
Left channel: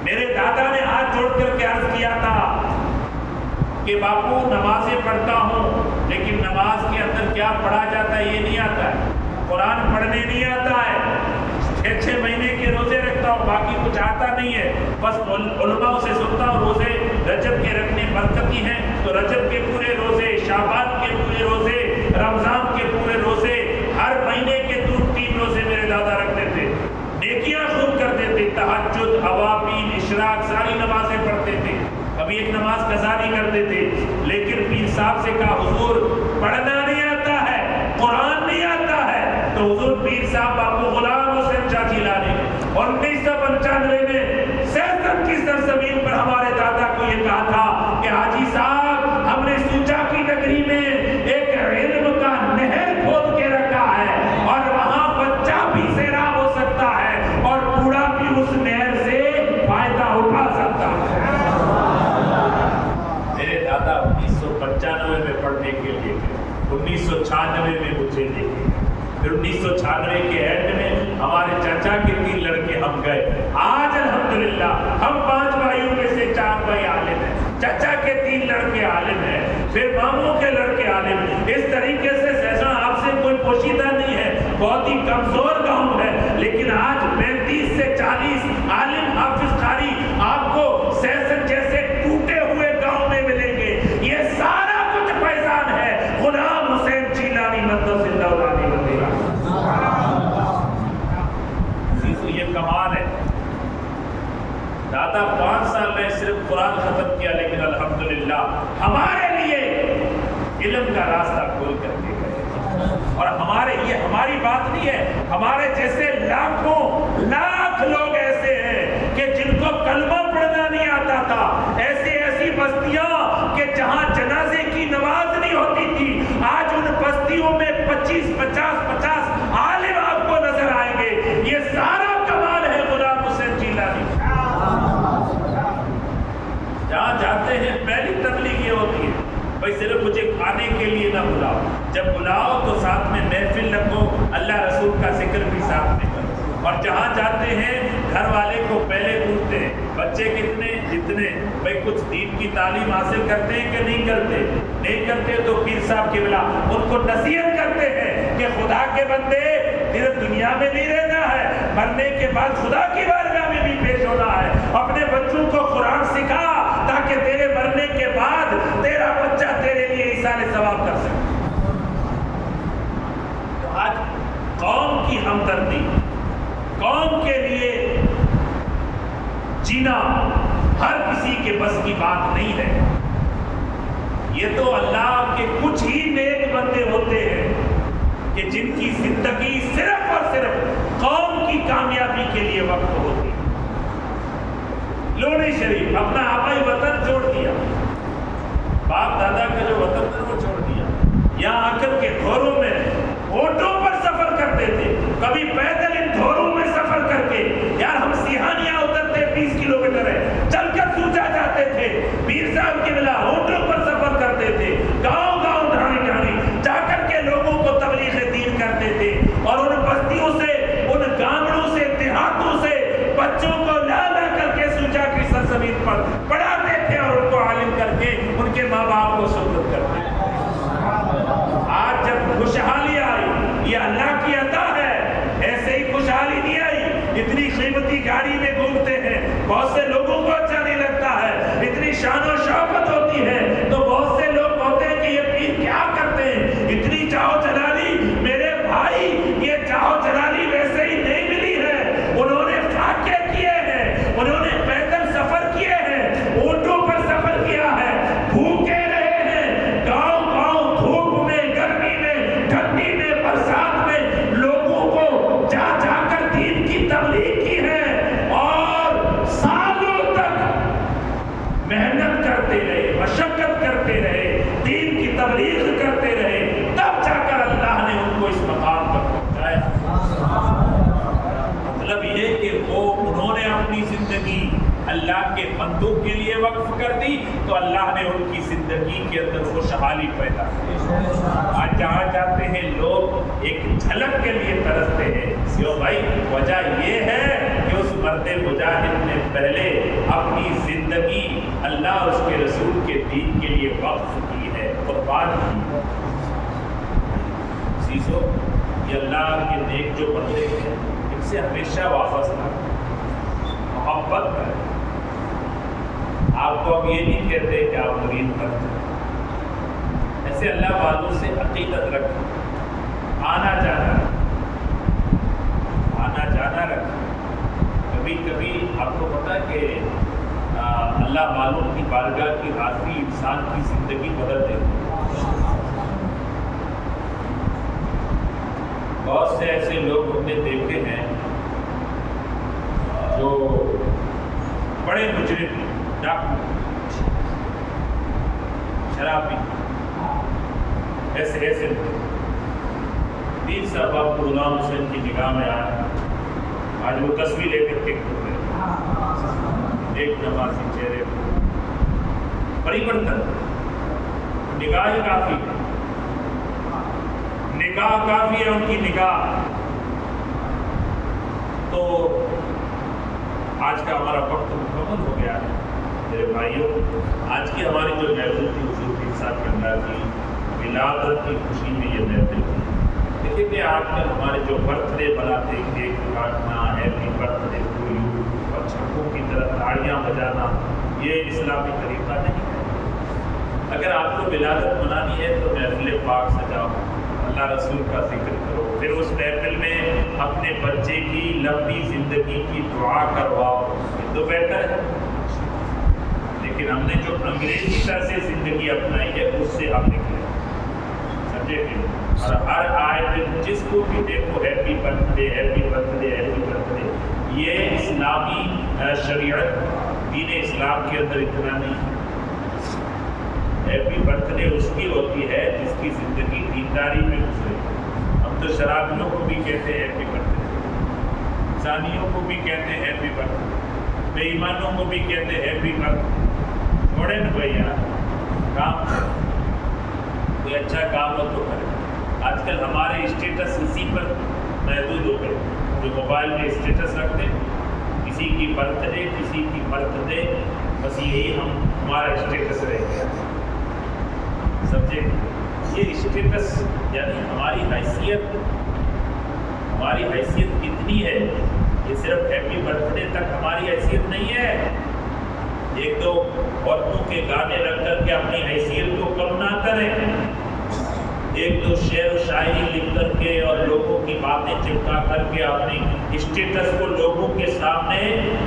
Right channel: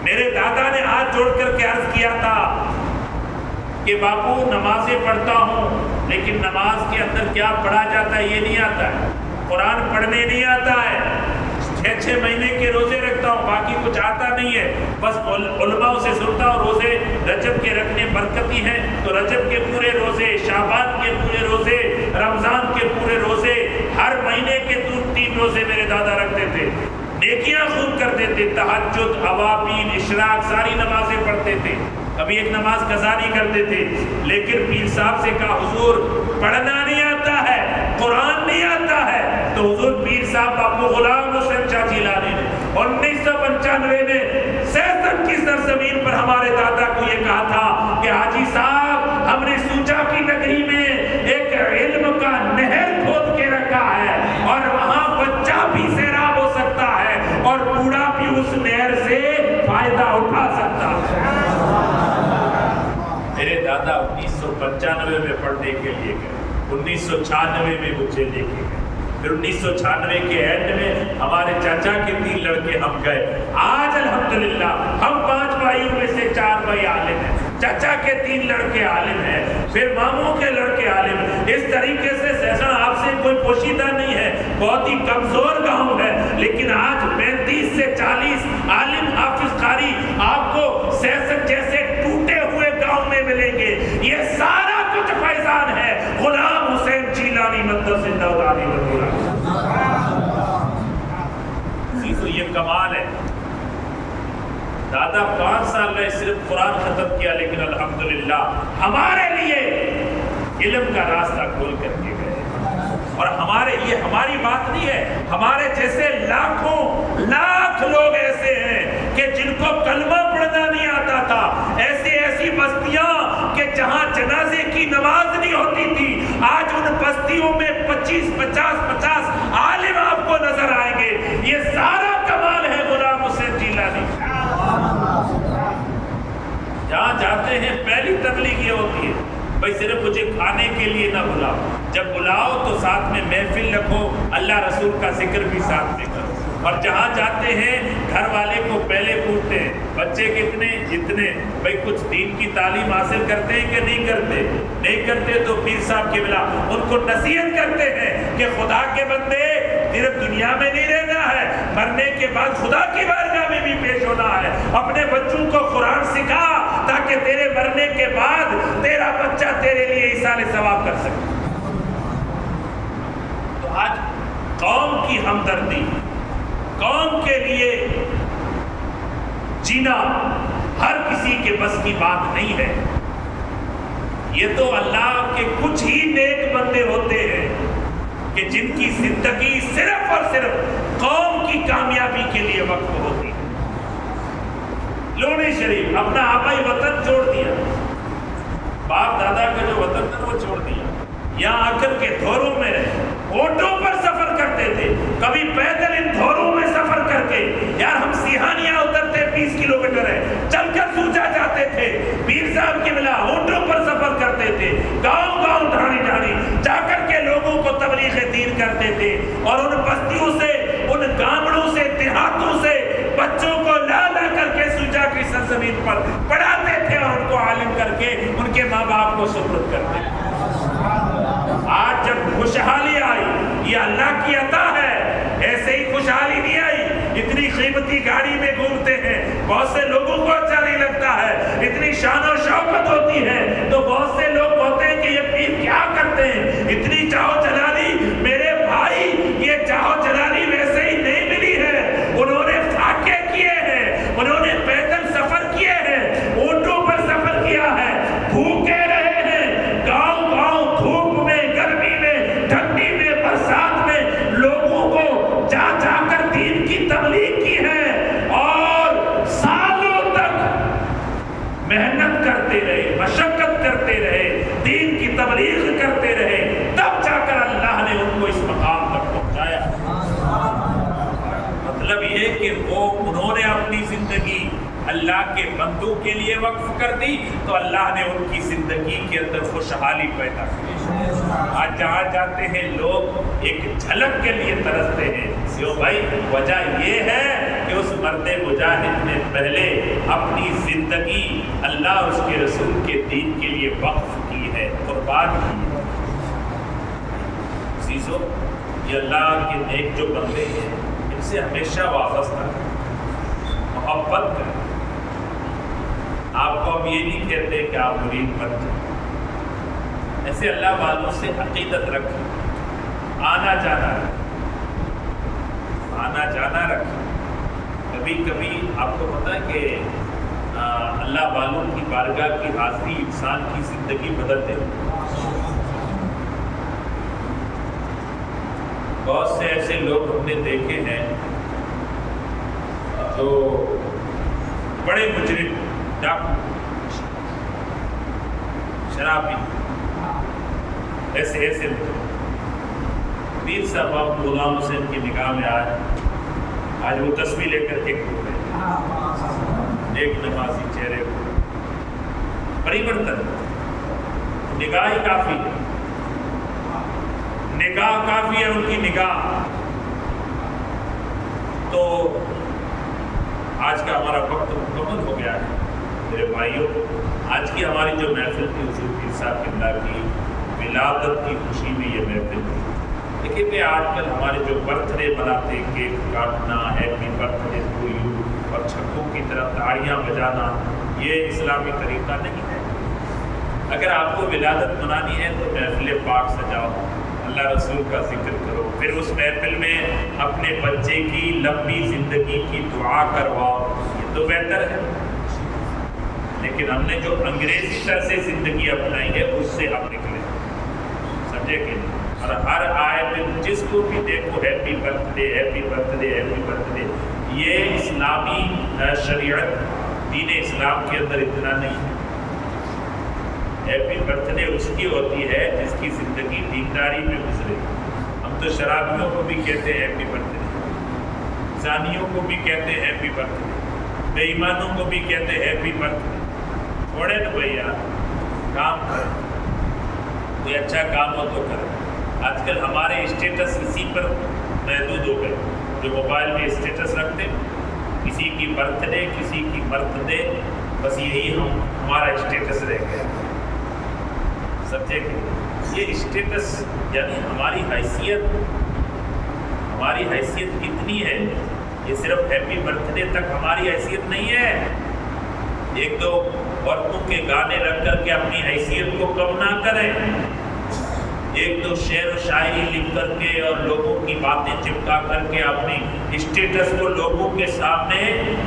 میرے دادا نے ہاتھ جوڑ کر کے عرض کیا تھا کہ باپو نمازیں پڑھتا ہوں لیکن نماز کے اندر کیا پڑھا جاتا ہے یہ نہیں آتا ہے, قرآن پڑھنے نہیں آتا ہے, 6 مہینے کے روزے رکھتا ہوں باقی کچھ آتا نہیں ہے, بس علماء سے سنتا ہوں روزے رجب کے رکھنے برکتی ہیں تو رجب کے پورے روزے, شعبان کے پورے روزے, رمضان کے پورے روزے, ہر مہینے کے 3 روزے میرے دادا رکھتے تھے. نیکیاں خوب کرتے تھے, تہجد, اوابین, اشراق ساری نمازیں پڑھتے تھے, کبھی ایک نماز قضا نہیں کرتے تھے. لیکن پیر صاحب سے کہا حضور پڑھنا نہیں آتا ہے, قرآن نہیں آتا ہے, تو حضور پیر صاحب باپو غلام حسین شاہ جیلانی نے 1995 میں سیستان کی سرزمین پر ہمارے دادا کو یہ کہا تھا کہ حاجی صاحب ہم نے سوچا کی نگری میں ایک علم کا نہر کھود کے رکھا ہے اور وہاں بچہ بھی سیراب ہو سکتا ہے اور بوڑھا بھی اس نہر سے فائدہ اٹھا سکتا ہے. میرے دادا 1995 میں پڑھنے کے لیے گئے, 1996 میں مجھے لے کے گئے, پھر 1996 کے اینڈ میں ہمارے چچا کے 3 لڑکے ہم گئے. آج الحمدللہ ہم 5 بھائیوں میں سے 4 بھائی عالم ہیں, چچا کے 3 لڑکے عالم ہیں, پھر ماموں کے لڑکے عالم ہیں. اس طریقے سے سیسا آپ سے کوئی پوشیدہ نہیں ہے, بہت ہی کمزور گاؤں ہے, لیکن آج 35 سے 40 عالم حافظ قاری آپ کو سیسن جیسے ٹوٹے ہوئے گاؤں میں ملیں گے. یہ سارا کچھ فیضان ہے غلام حسین جیلانی مقدس اللہ علیہ وسلم. تو یہ کمال ہے. دادا 5 سال میں صرف قرآن ختم کیا لیکن الحمدللہ ہمارے لیے علم کا راستہ کھول کر کے گئے. اور ہمارے لیے ہماری بات نہیں ہے, ہمارے جیسے لاکھوں لاکھ لوگ ایسے ہیں کہ جن کو کلمہ پڑھنا نہیں آتا تھا. ایسی بستیاں کہ جہاں جنازے کی نماز نہیں ہوتی تھی, آج ان بستیوں میں 50 عالم آپ کو نظر آئیں گے. یہ سارا کمال ہے غلام حسین جیلانی. جہاں جاتے ہیں پہلی تبلیغ یہ ہوتی ہے بھائی صرف مجھے کھانے کے لیے نہ بلاؤ, جب بلاؤ تو ساتھ میں محفل رکھو, اللہ رسول کا ذکر بھی ساتھ میں کرو. اور جہاں جاتے ہیں گھر والے کو پہلے پوچھتے ہیں بچے کتنے, جتنے, بھائی کچھ دین کی تعلیم حاصل کرتے ہیں کہ نہیں کرتے, نہیں کرتے تو پیر صاحب کی بلا ان کو نصیحت کرتے ہیں کہ خدا کے بندے صرف دنیا میں نہیں رہنا ہے, مرنے کے بعد خدا کی بارگاہ میں بھی پیش ہونا ہے. اپنے بچوں کو قرآن سکھا تاکہ تیرے مرنے کے بعد تیرا بچہ تیرے لیے ایصال ثواب کر سکے. تو آج قوم کی ہمدردی, قوم کے لیے جینا ہر کسی کے بس کی بات نہیں ہے. یہ تو اللہ کے کچھ ہی نیک بندے ہوتے ہیں کہ جن کی زندگی صرف اور صرف قوم کی کامیابی کے لیے وقف ہوتی ہے. لونی شریف اپنا آبائی وطن چھوڑ دیا, باپ دادا کا جو وطن تھا وہ چھوڑ دیا, یہاں آ کر کے دھوروں میں رہے, آٹو پر سفر کرتے تھے, کبھی پیدل ان دھوروں میں سفر کر کے, یار ہم سیہانیاں اترتے 20 کلومیٹر ہے, چل کر سوچا جاتے تھے. پیر صاحب کی ملا آٹو پر سفر کرتے تھے, گاؤں گاؤں ڈھاڑی ڈھاڑی جا کر کے لوگوں کو تبلیغ دین کرتے تھے, اور ان بستیوں سے, ان گامڑوں سے, دیہاتوں سے بچوں کو لا لا کر کے سوچا کی سرزمین پر پڑھاتے تھے اور ان کو عالم کر کے ان کے ماں باپ کو سپرد کرتے تھے۔ آج جب خوشحالی آئی، یہ اللہ کی عطا ہے، ایسے ہی خوشحالی نہیں آئی۔ اتنی قیمتی گاڑی میں گھومتے ہیں، بہت سے لوگوں کو اچھا نہیں لگتا ہے، اتنی شان و شوکت ہوتی ہے تو بہت سے لوگ ہوتے ہیں کہ یہ پیر کیا کرتے ہیں، اتنی چاہو جلالی۔ میرے بھائی، یہ چاہو جلالی ویسے ہی نہیں ملی ہے، انہوں نے فاقے کیے ہیں، انہوں نے پیدل سفر کیے ہیں، اونٹوں پر سفر کیا ہے، بھوکے رہے ہیں، گاؤں گاؤں دھوپ میں، گرمی میں، ٹھنڈی میں، برسات میں لوگوں کو جا جا کر دین کی تبلیغ کی ہے، اور سالوں تک محنت کرتے رہے، مشقت کرتے رہے، دین کی تبلیغ کرتے رہے، تب جا کر اللہ نے ان کو اس مقام تک پہنچایا۔ مطلب یہ کہ انہوں نے اپنی زندگی اللہ کے بندوں کے لیے وقف کر دی تو اللہ نے ان کی زندگی کے اندر خوشحالی پیدا کی۔ آج جہاں جاتے ہیں لوگ ایک جھلک کے لیے ترستے ہیں، کیوں بھائی؟ وجہ یہ ہے کہ اس مرد مجاہد نے پہلے اپنی زندگی اللہ اور اس کے رسول کے دین کے لیے وقف کی ہے، قربان کی ہے۔ عزیزو، یہ اللہ کے نیک جو بندے ہیں ان سے ہمیشہ وابستہ محبت کریں۔ آپ کو ہم یہ نہیں کہتے کہ آپ مرید بن جائیں، ایسے اللہ والوں سے عقیدت رکھیں، آنا جانا رکھیں۔ کبھی کبھی آپ کو پتا ہے کہ اللہ والوں کی بارگاہ کی حاضری انسان کی زندگی بدل دیتی ہے۔ بہت سے ایسے لوگ ہم نے دیکھے ہیں جو بڑے مجرم، ڈاکو، شرابی، ایسے پیر صاحب اب غلام حسین کی نگاہ میں آئے، آج وہ تسبیح لے کر کے گھوم رہے ہیں، ایک نمازی چہرے کو بڑی برتن، نگاہ ہی کافی ہے، نگاہ کافی ہے ان کی نگاہ۔ تو آج کا ہمارا وقت مکمل ہو گیا ہے میرے بھائیوں۔ آج کی ہماری جو محفل تھی حضور پیر صاحب قبلہ کی ولادت کی خوشی میں یہ محفل تھی۔ دیکھیے کہ آج کل ہمارے جو برتھ ڈے مناتے، کیک کاٹنا، happy birthday to you اور چھکوں کی طرح تاڑیاں بجانا، یہ اسلامی طریقہ نہیں ہے۔ اگر آپ کو ولادت منانی ہے تو محفل پاک سجاؤ، اللہ رسول کا ذکر کرو، پھر اس محفل میں اپنے بچے کی لمبی زندگی کی دعا کرواؤ، یہ تو بہتر ہے۔ لیکن ہم نے جو انگریزی طرح سے زندگی اپنائی ہے اس سے ہم نکلے، سمجھے کہ نہیں؟ اور ہر آئے دن جس کو بھی دیکھو happy birth day, happy birth day, happy birth day, یہ اسلامی شریعت دین اسلام کے اندر اتنا نہیں ہے۔ ہیپی برتھ ڈے اس کی ہوتی ہے جس کی زندگی دینداری میں گزرے۔ ہم تو شرابیوں کو بھی کہتے ہیں ہیپی برتھ ڈے، زانیوں کو بھی کہتے ہیں ہیپی برتھ ڈے، بے ایمانوں کو بھی کہتے ہیں ہیپی برتھ ڈے۔ چھوڑے نا بھائی یار، کام کریں، کوئی اچھا کام ہو تو کریں۔ آج کل ہمارے اسٹیٹس اسی پر محدود ہو گئے، جو موبائل میں اسٹیٹس رکھتے، کسی کی برتھ ڈے، کسی کی برتھ ڈے، بس یہی ہمارا اسٹیٹس رہ گیا۔ سمجھے کہ یہ اسٹیٹس یعنی ہماری حیثیت کتنی ہے؟ یہ صرف ہیپی برتھ ڈے تک ہماری حیثیت نہیں ہے۔ ایک دو عورتوں کے گانے رکھ کر کے اپنی حیثیت کو کم نہ کریں، ایک دو شعر و شاعری لکھ کر کے اور لوگوں کی باتیں چپکا کر کے اپنی اسٹیٹس کو لوگوں کے سامنے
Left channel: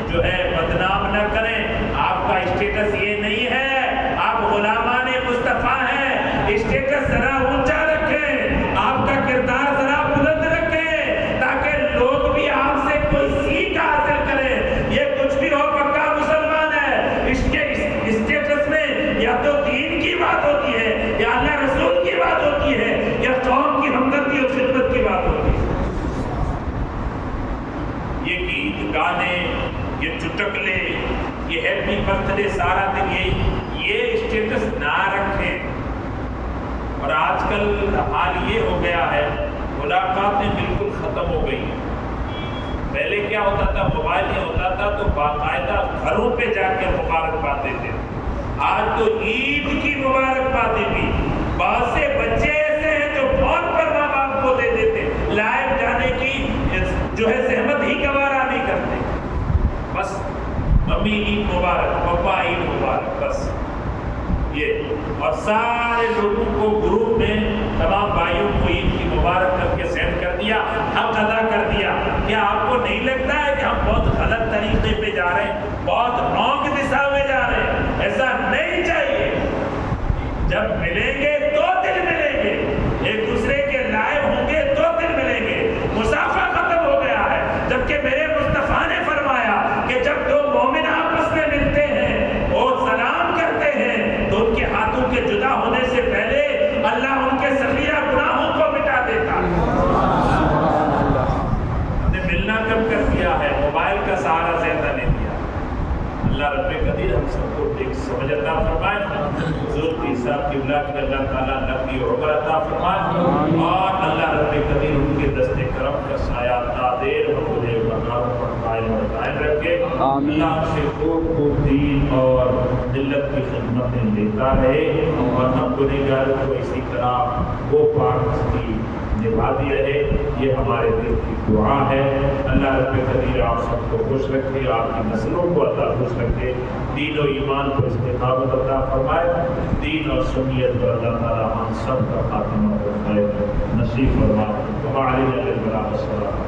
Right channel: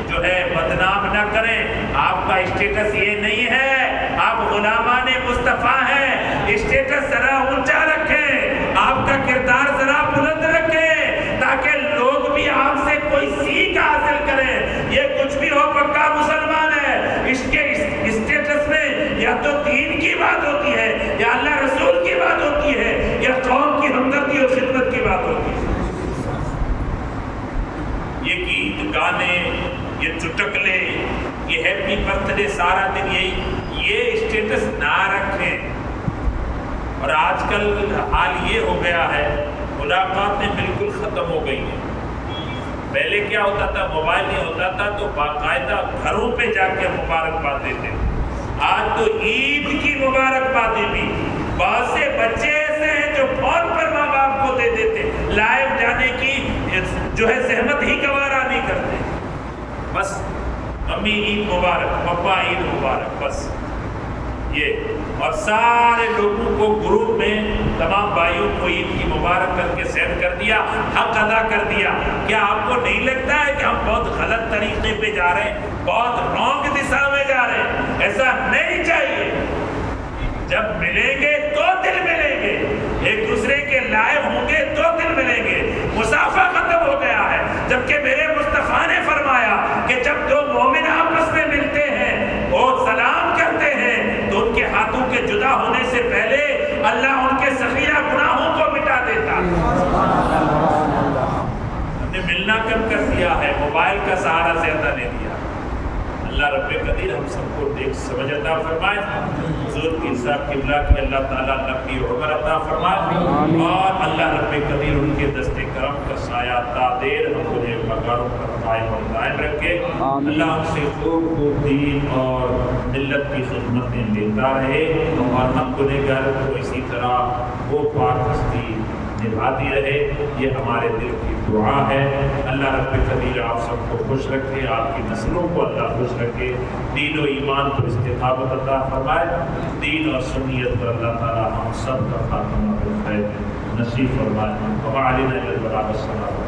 جو ہے بدنام نہ کریں۔ آپ کا اسٹیٹس یہ نہیں ہے، آپ غلامان مصطفیٰ ہیں۔ اسٹیٹس ذرا اونچا رکھیں، آپ کا کردار ذرا بلند رکھیں، تاکہ لوگ بھی آپ سے کوئی سیکھ حاصل کریں۔ یہ کچھ بھی ہو، پکا مسلمان ہے، اس کے اسٹیٹس میں یا تو دین کی بات ہوتی ہے، یا اللہ رسول کی بات ہوتی ہے، یا قوم کی ہمدردی اور خدمت کی بات ہوتی ہے۔ یہ گیت گانے، یہ چٹکلے، یہ ہیپی برتھ ڈے سارا دن یہ اسٹیٹس نہ رکھیں۔ اور آج کل حال یہ ہو گیا ہے، ملاقاتیں بالکل ختم ہو گئی ہیں۔ پہلے کیا ہوتا تھا، موبائل نہیں ہوتا تھا تو باقاعدہ گھروں پہ جا کے مبارکباد دیتے تھے. آج تو عید کی مبارکبادی بھی بہت سے بچے ایسے ہیں جو فون پر ماں باپ کو دے دیتے، لائیو جانے کی جو ہے زحمت ہی گوارا نہیں کرتے. بس ممی عید مبارک، پپا عید مبارک، بس یہ. اور سارے لوگوں کو گروپ میں تمام بھائیوں کو عید کی مبارک کر کے سینڈ کر دیا، حق ادا کر دیا. کیا آپ کو نہیں لگتا ہے کہ ہم بہت غلط طریقے پہ جا رہے ہیں، بہت رانگ دشا میں جا رہے ہیں؟ ایسا نہیں چاہیے. جب ملیں گے تو دل ملیں گے، ایک دوسرے کے لائیو ہوں گے تو دل ملیں گے. مسافہ ختم ہو گیا ہے، جبکہ میرے مصطفیٰ نے فرمایا کہ جب دو مومن آپس میں ملتے ہیں وہ سلام کرتے ہیں تو ان کے ہاتھوں کے جدا ہونے سے پہلے اللہ ان کے صغیرہ گناہوں کو مٹا دیتا. ہم نے ملنا کم کر دیا ہے، موبائل کا سہارا زیادہ نہیں دیا. اللہ رب قدیر ہم سب کو دیکھ سمجھ عطا فرمائے. حضور پیر صاحب قبلہ کی اللہ تعالیٰ لمبی عمر عطا فرمائے، اور اللہ رب قدیر ان کے دست کرم کا سایہ تا دیر ہم انہیں مقام پر قائم اور دائم رکھے. اللہ ہم سے خوب خوب دین اور ملت کی خدمتیں لیتا رہے، اور ہم گنہگاروں کو اسی طرح وہ پاک ہستی نبھاتی رہے. یہ ہمارے دل کی دعا ہے. اللہ رب قدیر آپ سب کو خوش رکھے، آپ کی نسلوں کو اللہ خوش رکھے، دین و ایمان پر استقامت عطا فرمائے. دین اور سنیت پر اللہ تعالیٰ ہم سب کا خاتمہ خیر نصیب فرمائے. وعلینا البلاغ السلام.